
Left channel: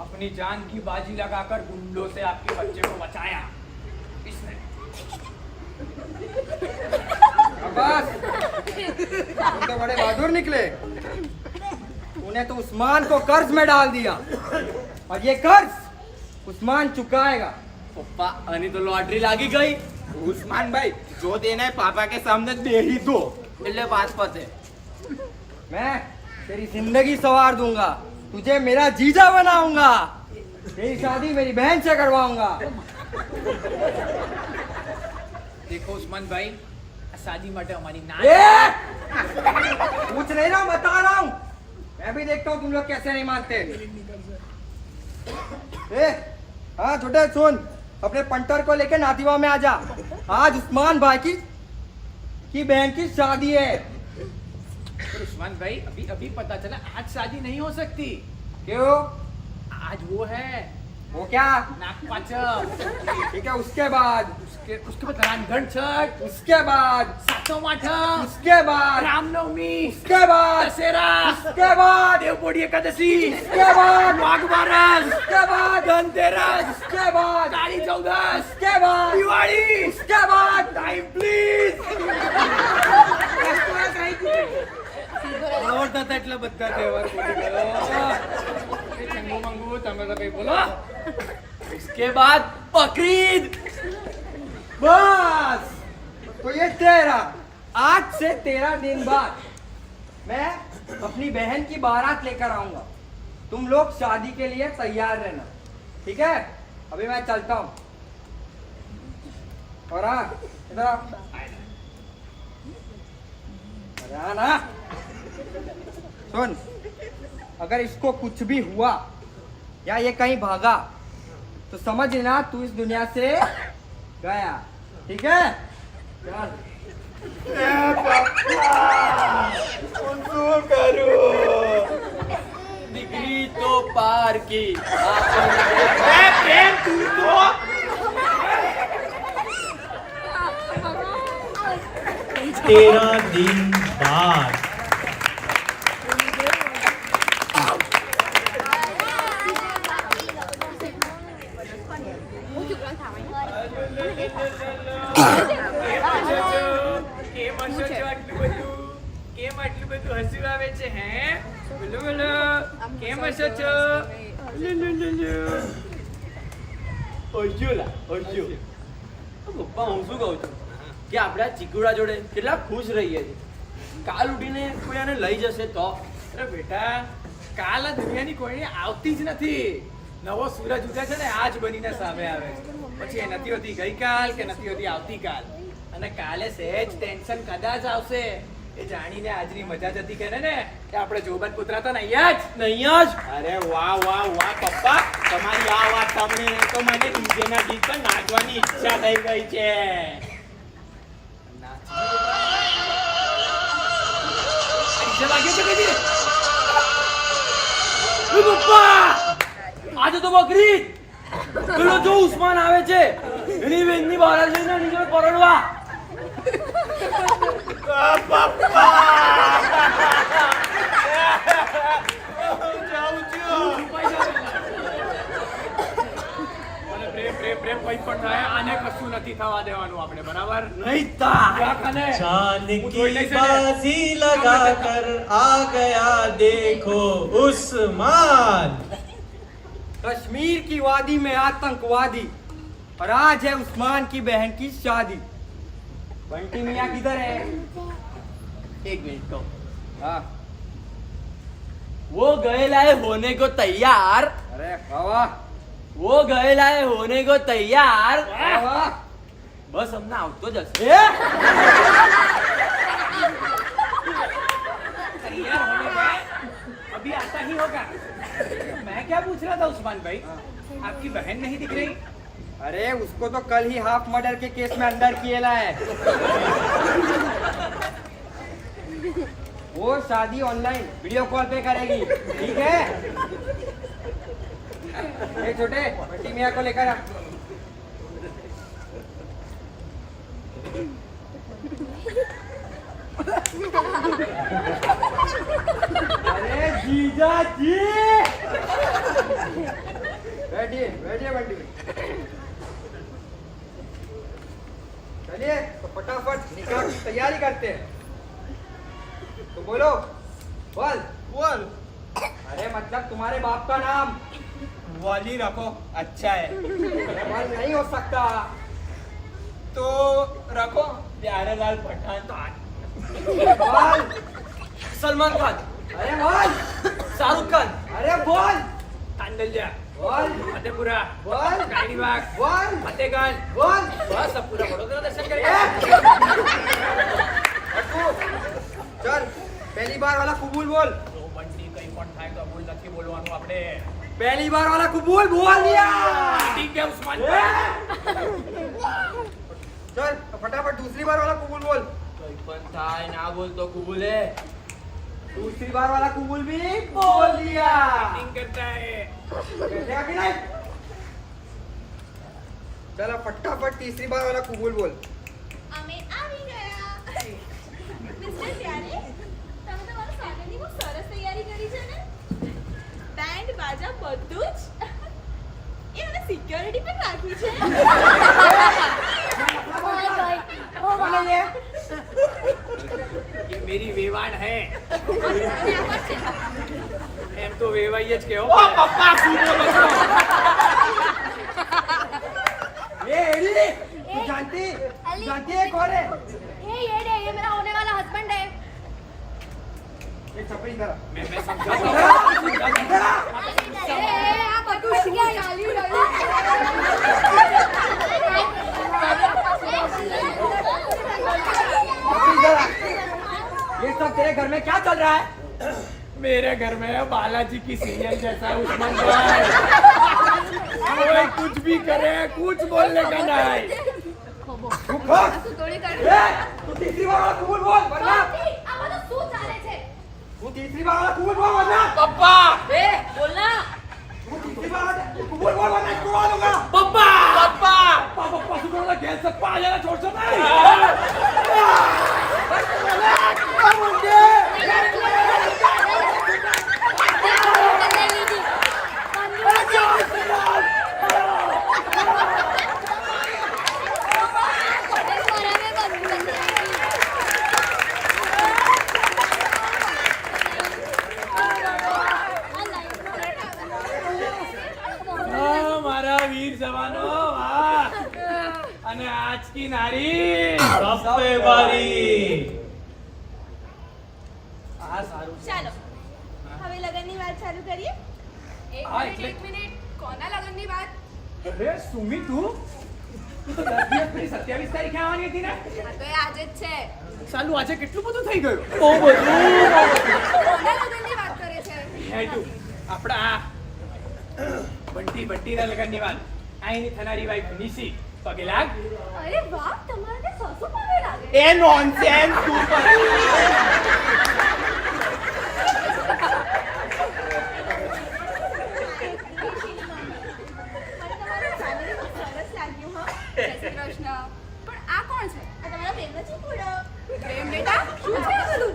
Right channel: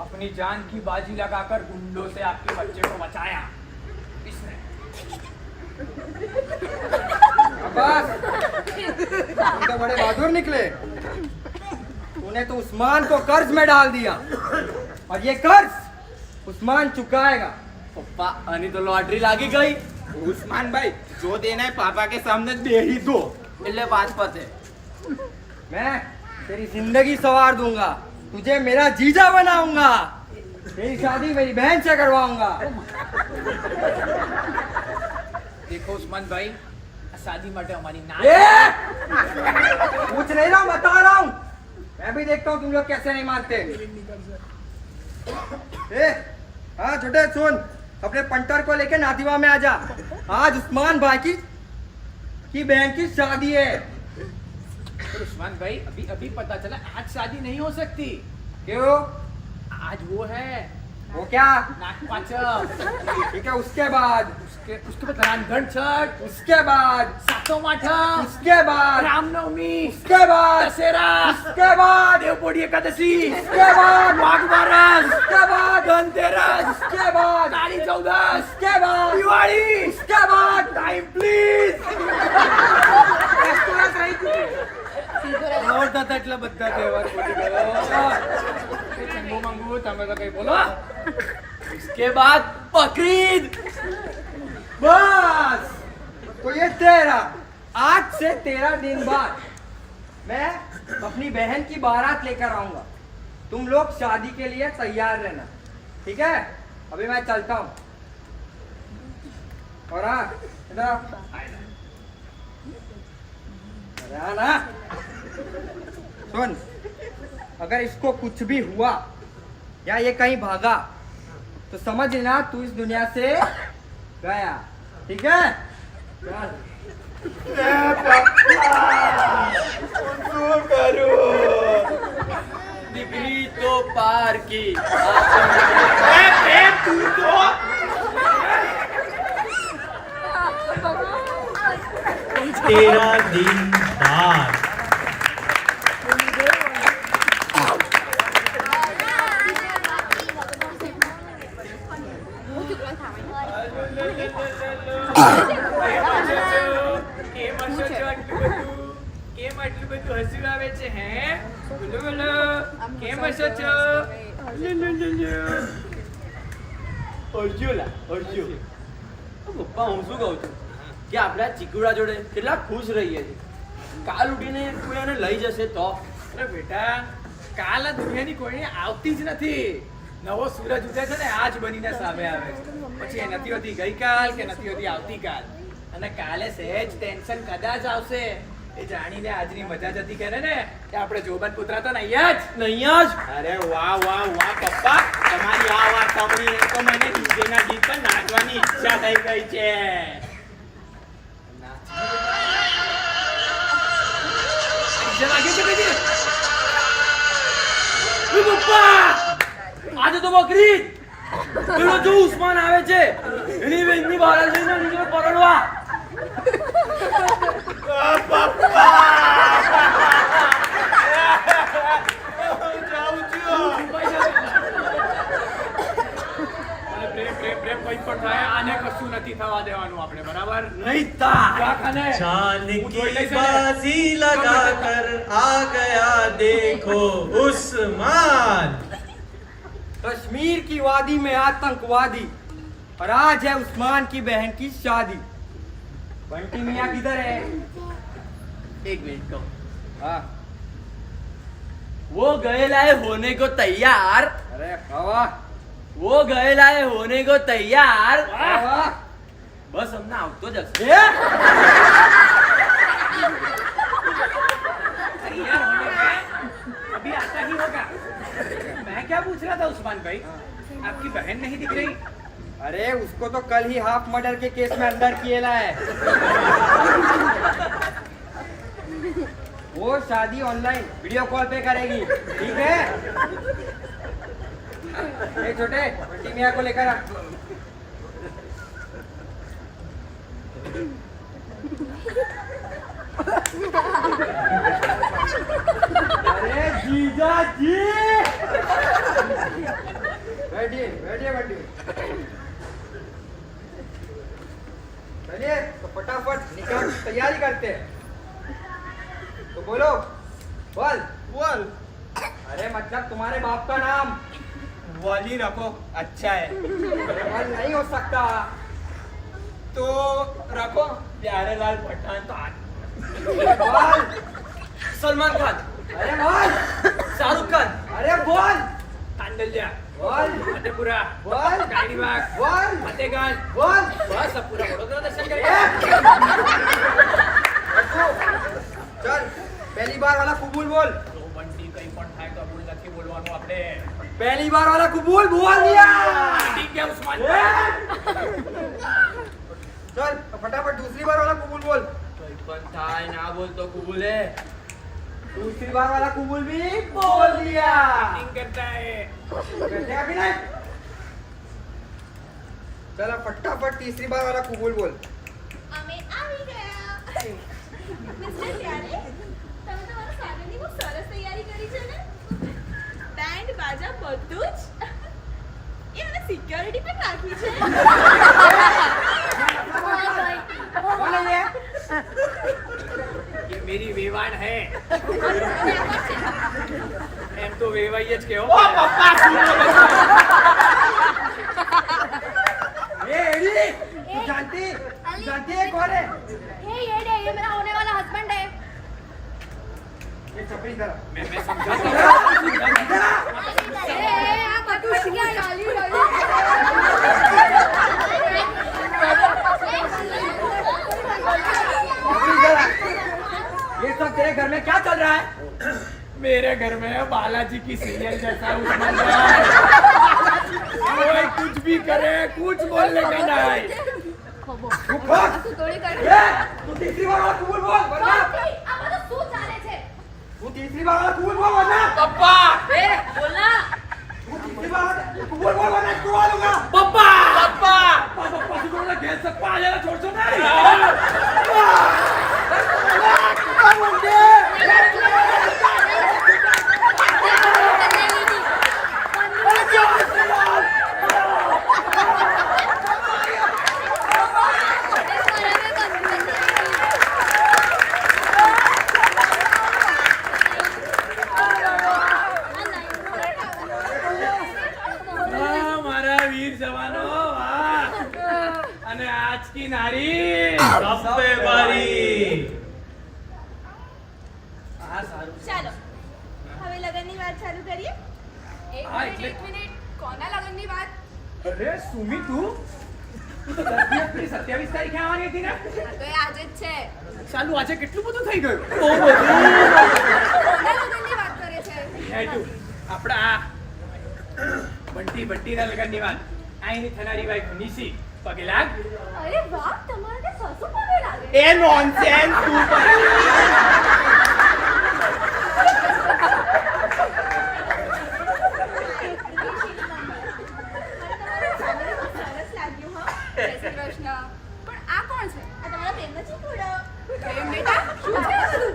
अपनी जान की बाजी लगाकर गुंडों से आपके बच्चे को बचाया। इसने बस तुम तो बड़े बहादुर निकले। तूने तो उस्मान को कर्ज में डाल दिया और ये कर्ज उस्मान चुकाएगा। पप्पा आनी तो लॉटरी लागी गई. उस्मान भाई जो देना है पापा के सामने दे ही दो। એટલે વાત પતે. मैं तेरी जिंदगी संवार दूंगा, तुझे मेरा जीजा बनाऊंगा, तेरी शादी मेरी बहन से करवाऊंगा। देखो उस्मान भाई शादी માટે અમારી ના ए पूछ नहीं रहा हूं, बता रहा हूं। मैं भी देखता हूं तुम लोग कैसे नहीं मानते। ए हाँ छोटे सुन, अपने पंटर को लेके नातीवा में आ जा। आज उस्मान भाई की बहन की शादी है। पर उस्मान भाई अभी अभी पता चला आज शादी नहीं हो सकती। क्यों? आज वो है वो क्या? नागपाचम। ठीक है, उसके बाद उसके बाद रामगढ़ छठ, उसके बाद सातों माठम, उसके बाद रामनवमी, उसके बाद दशहरा, उसके बाद देवपोड़ी एकादशी, उसके बाद वाघ बारस, उसके बाद धनतेरस, उसके बाद काली चौदस, उसके बाद दिवाली, उसके बाद टाइम प्लीज। આવડતા એટલા બધા તહેવાર ભૂલી ગયો। ચંગુ મંગુ તમે તો કઈ બોલો। उसके बाद बकरीद. बस तो ये तेरा, आज से 13 दिन बाद मैं अपनी बहन की बारात लेकर आऊंगा। तुम लोग शादी के लिए तैयार रहना, ठीक है? अभी मैं चलता हूँ। और हाँ इधर आओ। अरे हाँ ना, सुन, अगर इसको कुछ भी हुआ या ये कहीं भागा तो समझ लेना तू इस दुनिया से गया, ठीक है? चल। શું કરું? દીકરી તો પારકી પ્રેમ તું તો तेरा दिन बाद કેમ હસો છો આટલું બધું? કેમ આટલું બધું હસવું આવે છે હે? બોલો બોલો, કેમ હસો છો? અર્જુલા અર્જુ પપ્પા હું શું કહું છું કે આપણે આ ચીકુડા જોડે કેટલા ખુશ રહીએ છીએ કાલ ઉઠીને કોઈ આને લઈ જશે તો અરે બેટા, કાલ આ દુનિયાની કોઈને આવતી જ નથી. નવો સૂરજ ઉગે છે ને આજ બનીને સામે આવે છે. પછી એ નથી હોતી ગઈકાલ કે નથી હોતી આવતીકાલ. અને કાલે સહેજ ટેન્શન કદાચ આવશે એ જાણીને આજની મજા જતી કરે ને કે આપણે જોબન પુત્રા તો નહીં જ. નહીં જ અરે વાહ વાહ વાહ પપ્પા, તમારી આ વાત સાંભળીને તો મને ડીજેના ગીત પર નાચવાની ઈચ્છા થઈ ગઈ છે. ડીજે વાગ્યો છે કદી? એ પપ્પા, આજે તો બકરી પેલો જો ઉસ્માન આવે છે એની બેનની બહાર જઈને નીચે પરણવા જાઉં છું. અને પ્રેમ પ્રેમ પ્રેમ કંઈ પણ થાય આને કશું નથી થવા દેવાનું આપણે, બરાબર? નહીં તા જા ખાને. चांद હું જોઈ की લઈશ એને. बाजी लगा कर आ गया देखो उस्मान कश्मीर की वादी में आतंकवादी और आज है उस्मान की बहन की शादी। बंटी मियाँ किधर है? एक मिनट को हाँ, वो गए लाए होने को तैयार अरे वाह वो गए लाए होने को तैयार वाह वाह। बस हमने આવતો જ હશે तैयार होने में अभी आता ही होगा. मैं क्या पूछ रहा था उस्मान भाई, आपकी बहन नहीं दिख रही? अरे उसको तो कल ही हाफ मर्डर के केस में अंदर किया है। वो शादी ऑनलाइन वीडियो कॉल पे करेगी, ठीक है? ए छोटे, बंटी मियाँ को लेकर आ। अरे जीजा जी, बैठिए बैठिए बंटी। चलिए तो फटाफट निकाह की तैयारी करते हैं। तो बोलो, बोल बोल अरे मतलब तुम्हारे बाप का नाम। वाली रखो, अच्छा है. अरे बोल नहीं हो सकता। तो रखो प्यारेलाल पठान. अरे बोल, સલમાન ખાન अरे बोल, શાહરુખ ખાન अरे बोल, तांडल्या, बोल, फतेपुरा, बोल, कायनीबाग, बोल, फतेगंज, बोल। बस अब पूरा वडोदरा दर्शन ए! करेंगे. हटू, चल पहली बार वाला कबूल बोल। જો બંટી કંઈ પણ થાય કબૂલ નથી બોલવાનું આપણે. पहली बार वाला कबूल बोल दिया। ठीक है उस्मान ए! भाई. चल तो फटाफट दूसरी बार वाला कबूल बोल। કઈ પણ થાય ના બોલ તો કબૂલે दूसरी बार वाला कबूल भी बोल दिया। Acting करता है. बैठेगा कि नहीं? चल अब फटाफट तीसरी बार वाला कबूल बोल। અમે આવી ગયા મિસ્ટર ત્યારે તમે તમારા સાગરની બહુ સરસ તૈયારી કરી છે ને બેન્ડ બાજા બધું જ એ મને સિક્યોરિટી પણ રાખી છે कौन है ये? ये मेरी वेवाण है. અને આ કોણ છે? એમ તો વેવાઈ જ કહેવો. ઓ પપ્પા શું બોલો છો? ए एडी, तू जानती है कौन है? ये मेरा होने वाला हस्बैंड है ये छपरी इधर आ। मैं समझाता इधर हूँ. आ, इधर आ। આ બધું શું ચાલી રહ્યું छपरी इधर आ। ये सब तेरे घर में क्या चल रहा है? मेरे घर में बालाजी की सीरियल जैसा है उस्मान भाई. कोई कुछ भी करे कुछ बोलने का नहीं. तू खोल। શું તોડી ए, तू तीसरी बार वाला कबूल बोल वरना આ બધું શું ચાલે છે હું તીસરી વાર કુંવર બોલ વરના પપ્પા એ બોલ ના. હું તીસરી વાર કુંવર બોલ વરના કુંવર દૂંગા પપ્પા પપ્પા પાપા સુગોના ગેસ સે પાલેલા છોડશો નહીં મારા વીર જવાનો વાહ અને આજ કી નારી सब पे बारी આ સારું ચાલો હવે લગનની વાત ચાલુ કરીએ હા, એટલે- એક મિનિટ કોના લગનની વાત અરે સુમી તું તો 10 એપ્રિલ 27 તારીખે આવવાની હતી ને આ તો એ આજે જ છે ચાલુ આજે કેટલું બધું થઈ ગયું બહુ બધું કોના લગનની વાત કરે છે હે તું આપડા બંટીના લગનની વાત આઈની થનારી વાઈફ નિશી પગે લાગ અરે વાહ તમારે તો સસુ પગે લાગે એ નોનસેન્સ તું પણ મને તમારું family બહુ સરસ લાગ્યું હો જય શ્રી કૃષ્ણ પણ આ કોણ છે આ તમારા પ્રેમનો ચીકુડો પ્રેમ બેટા શું છે આ બધું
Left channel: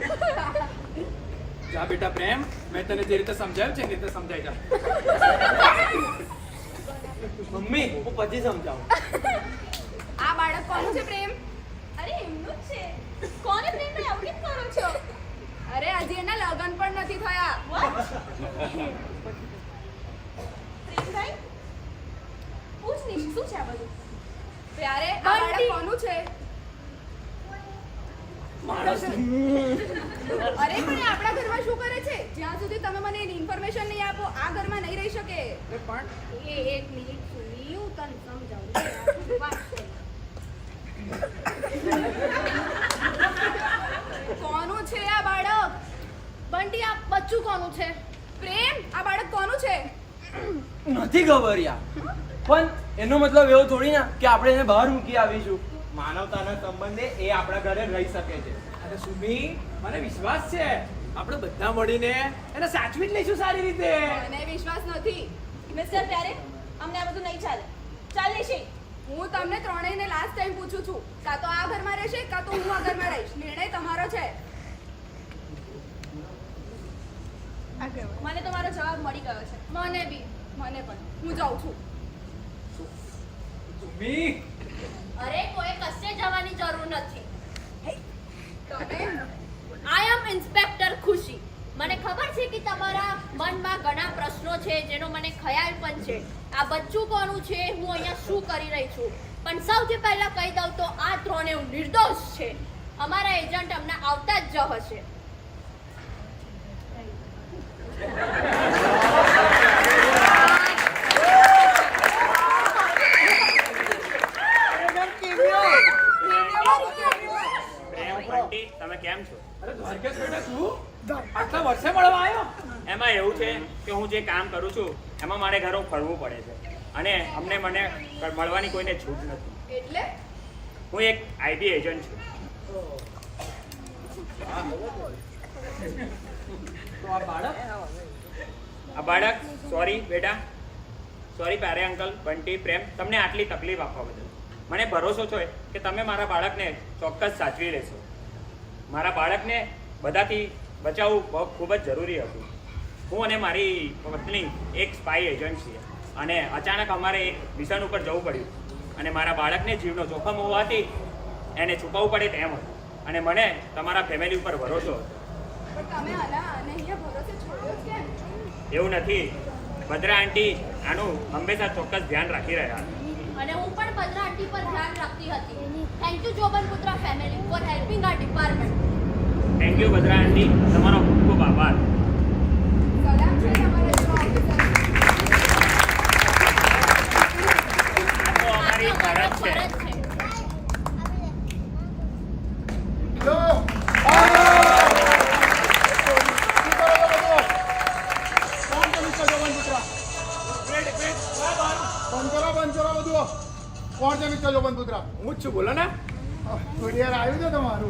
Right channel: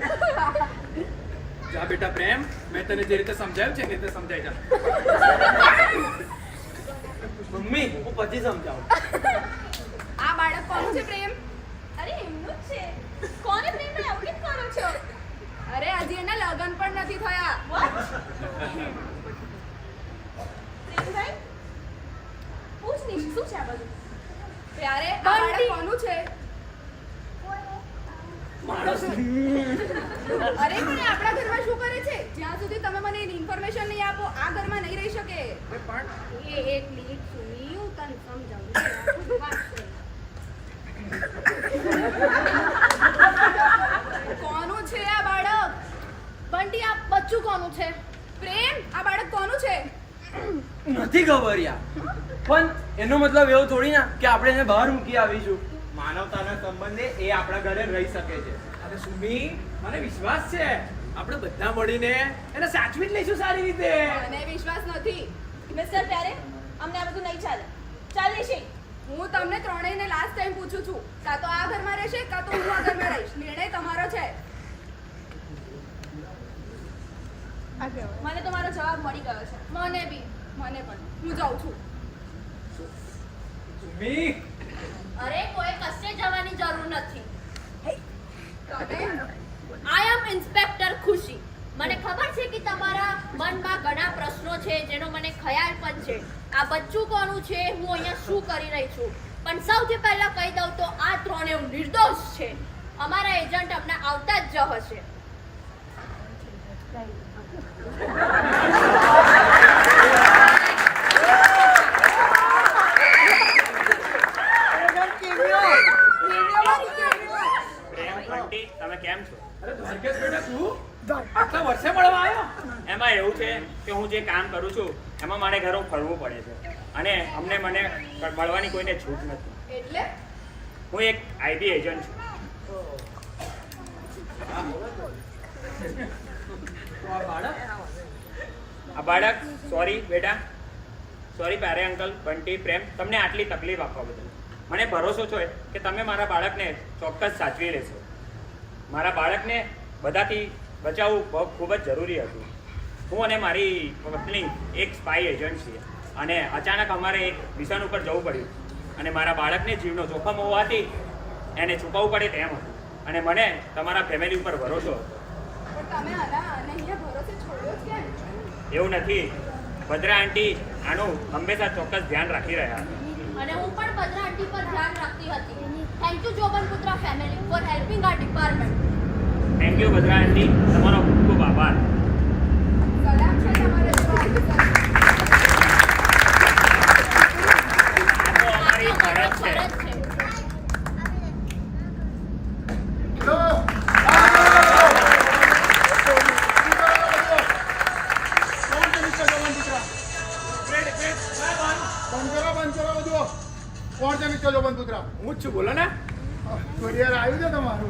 જા બેટા પ્રેમ મેં તને જે રીતે સમજાવ્યું છે એ રીતે સમજાઈ જા મમ્મી હું પછી સમજાવું આ બાળક કોનું છે પ્રેમ અરે એમનું જ છે કોને પ્રેમને આવું કેમ કરો છો અરે હજી એના લગન પણ નથી થયા પ્રેમભાઈ પૂછ નિશ શું છે આ બધું પ્યારે આ બાળક કોનું છે અરે પણ એ આપણા ઘરમાં શું કરે છે જ્યાં સુધી તમે મને એની ઇન્ફોર્મેશન નહીં આપો આ ઘરમાં નહીં રહી શકે પણ એ એક મિનિટ સુની હું તને સમજાવું છું. આ ખુદ વાત છે. કોનું છે આ બાળક બંટી આ બચ્ચું કોનું છે પ્રેમ આ બાળક કોનું છે નથી ખબર યાર પણ એનો મતલબ એવો થોડી ના કે આપણે એને બહાર મૂકી આવીશું. માનવતાના સંબંધે એ આપણા ઘરે રહી શકે છે. અરે સુમી મને વિશ્વાસ છે આપણે બધા મળીને એને સાચવી જ લઈશું સારી રીતે મને વિશ્વાસ નથી મિસ્ટર પ્યારે અમને આ બધું નહીં ચાલે. ચાલ નિશી. હું તમને ત્રણેયને લાસ્ટ ટાઈમ પૂછું છું કાં તો આ ઘરમાં રહેશે કાં તો હું આ ઘરમાં રહીશ નિર્ણય તમારો છે મને તમારો જવાબ મળી ગયો છે. મને બી મને પણ હું જાઉં છું સુમી અરે કોઈ કશે જવાની જરૂર નથી. તમે આઈ એમ ઇન્સ્પેક્ટર ખુશી. મને ખબર છે કે તમારા મનમાં ઘણા પ્રશ્નો છે જેનો મને ખ્યાલ પણ છે. આ બચ્ચું કોનું છે, હું અહીંયા શું કરી રહી છું, પણ સૌથી પહેલા કહી દઉં તો આ ત્રણેય નિર્દોષ છે. અમારા એજન્ટ અમને આવતા જ હશે. પ્રેમ બંટી તમે કેમ છો? અરે દ્વારકેશ બેટા તું આટલા વર્ષે મળવા આવ્યો એમાં એવું છે કે હું જે કામ કરું છું એમાં મારે ઘરો ફરવું પડે છે અને મને મળવાની કોઈને છૂટ નથી. એટલે હું એક આઈટી એજન્ટ છું. તો આ બાળક બાળક સોરી બેટા, સોરી પ્યારે અંકલ, બંટી, પ્રેમ, તમને આટલી તકલીફ આપવા બદલ. મને ભરોસો છે કે તમે મારા બાળકને ચોક્કસ સાચવી લેશો. મારા બાળકને બધાથી બચાવવું ખૂબ જ જરૂરી હતું. હું અને મારી પત્ની એક સ્પાય એજન્ટ છીએ અને અચાનક અમારે એક મિશન ઉપર જવું પડ્યું અને મારા બાળકને જીવનો જોખમ હોવાથી એને છુપાવવું પડે તેમ હતું અને મને તમારા ફેમિલી ઉપર ભરોસો હતો. પણ તમે આના અને અહીંયા ભરોસે છોડ્યો જ કેમ એવું નથી, ભદ્રા આંટી આનું હંમેશા ચોક્કસ ધ્યાન રાખી રહ્યા હતા. અને હું પણ ભદ્રા આંટી પર ધ્યાન રાખતી હતી. Thank you Jobanputra family for helping our department. Thank you Bhadra aunty, તમારો ખૂબ ખૂબ આભાર. સલામ છે તમારા જેવા ઓફિસર આ તો અમારી ફરજ છે. કોણ છે મિસ્ટર જોબનપુત્રા? હું જ છું બોલો ને કુરિયર આવ્યું છે તમારું?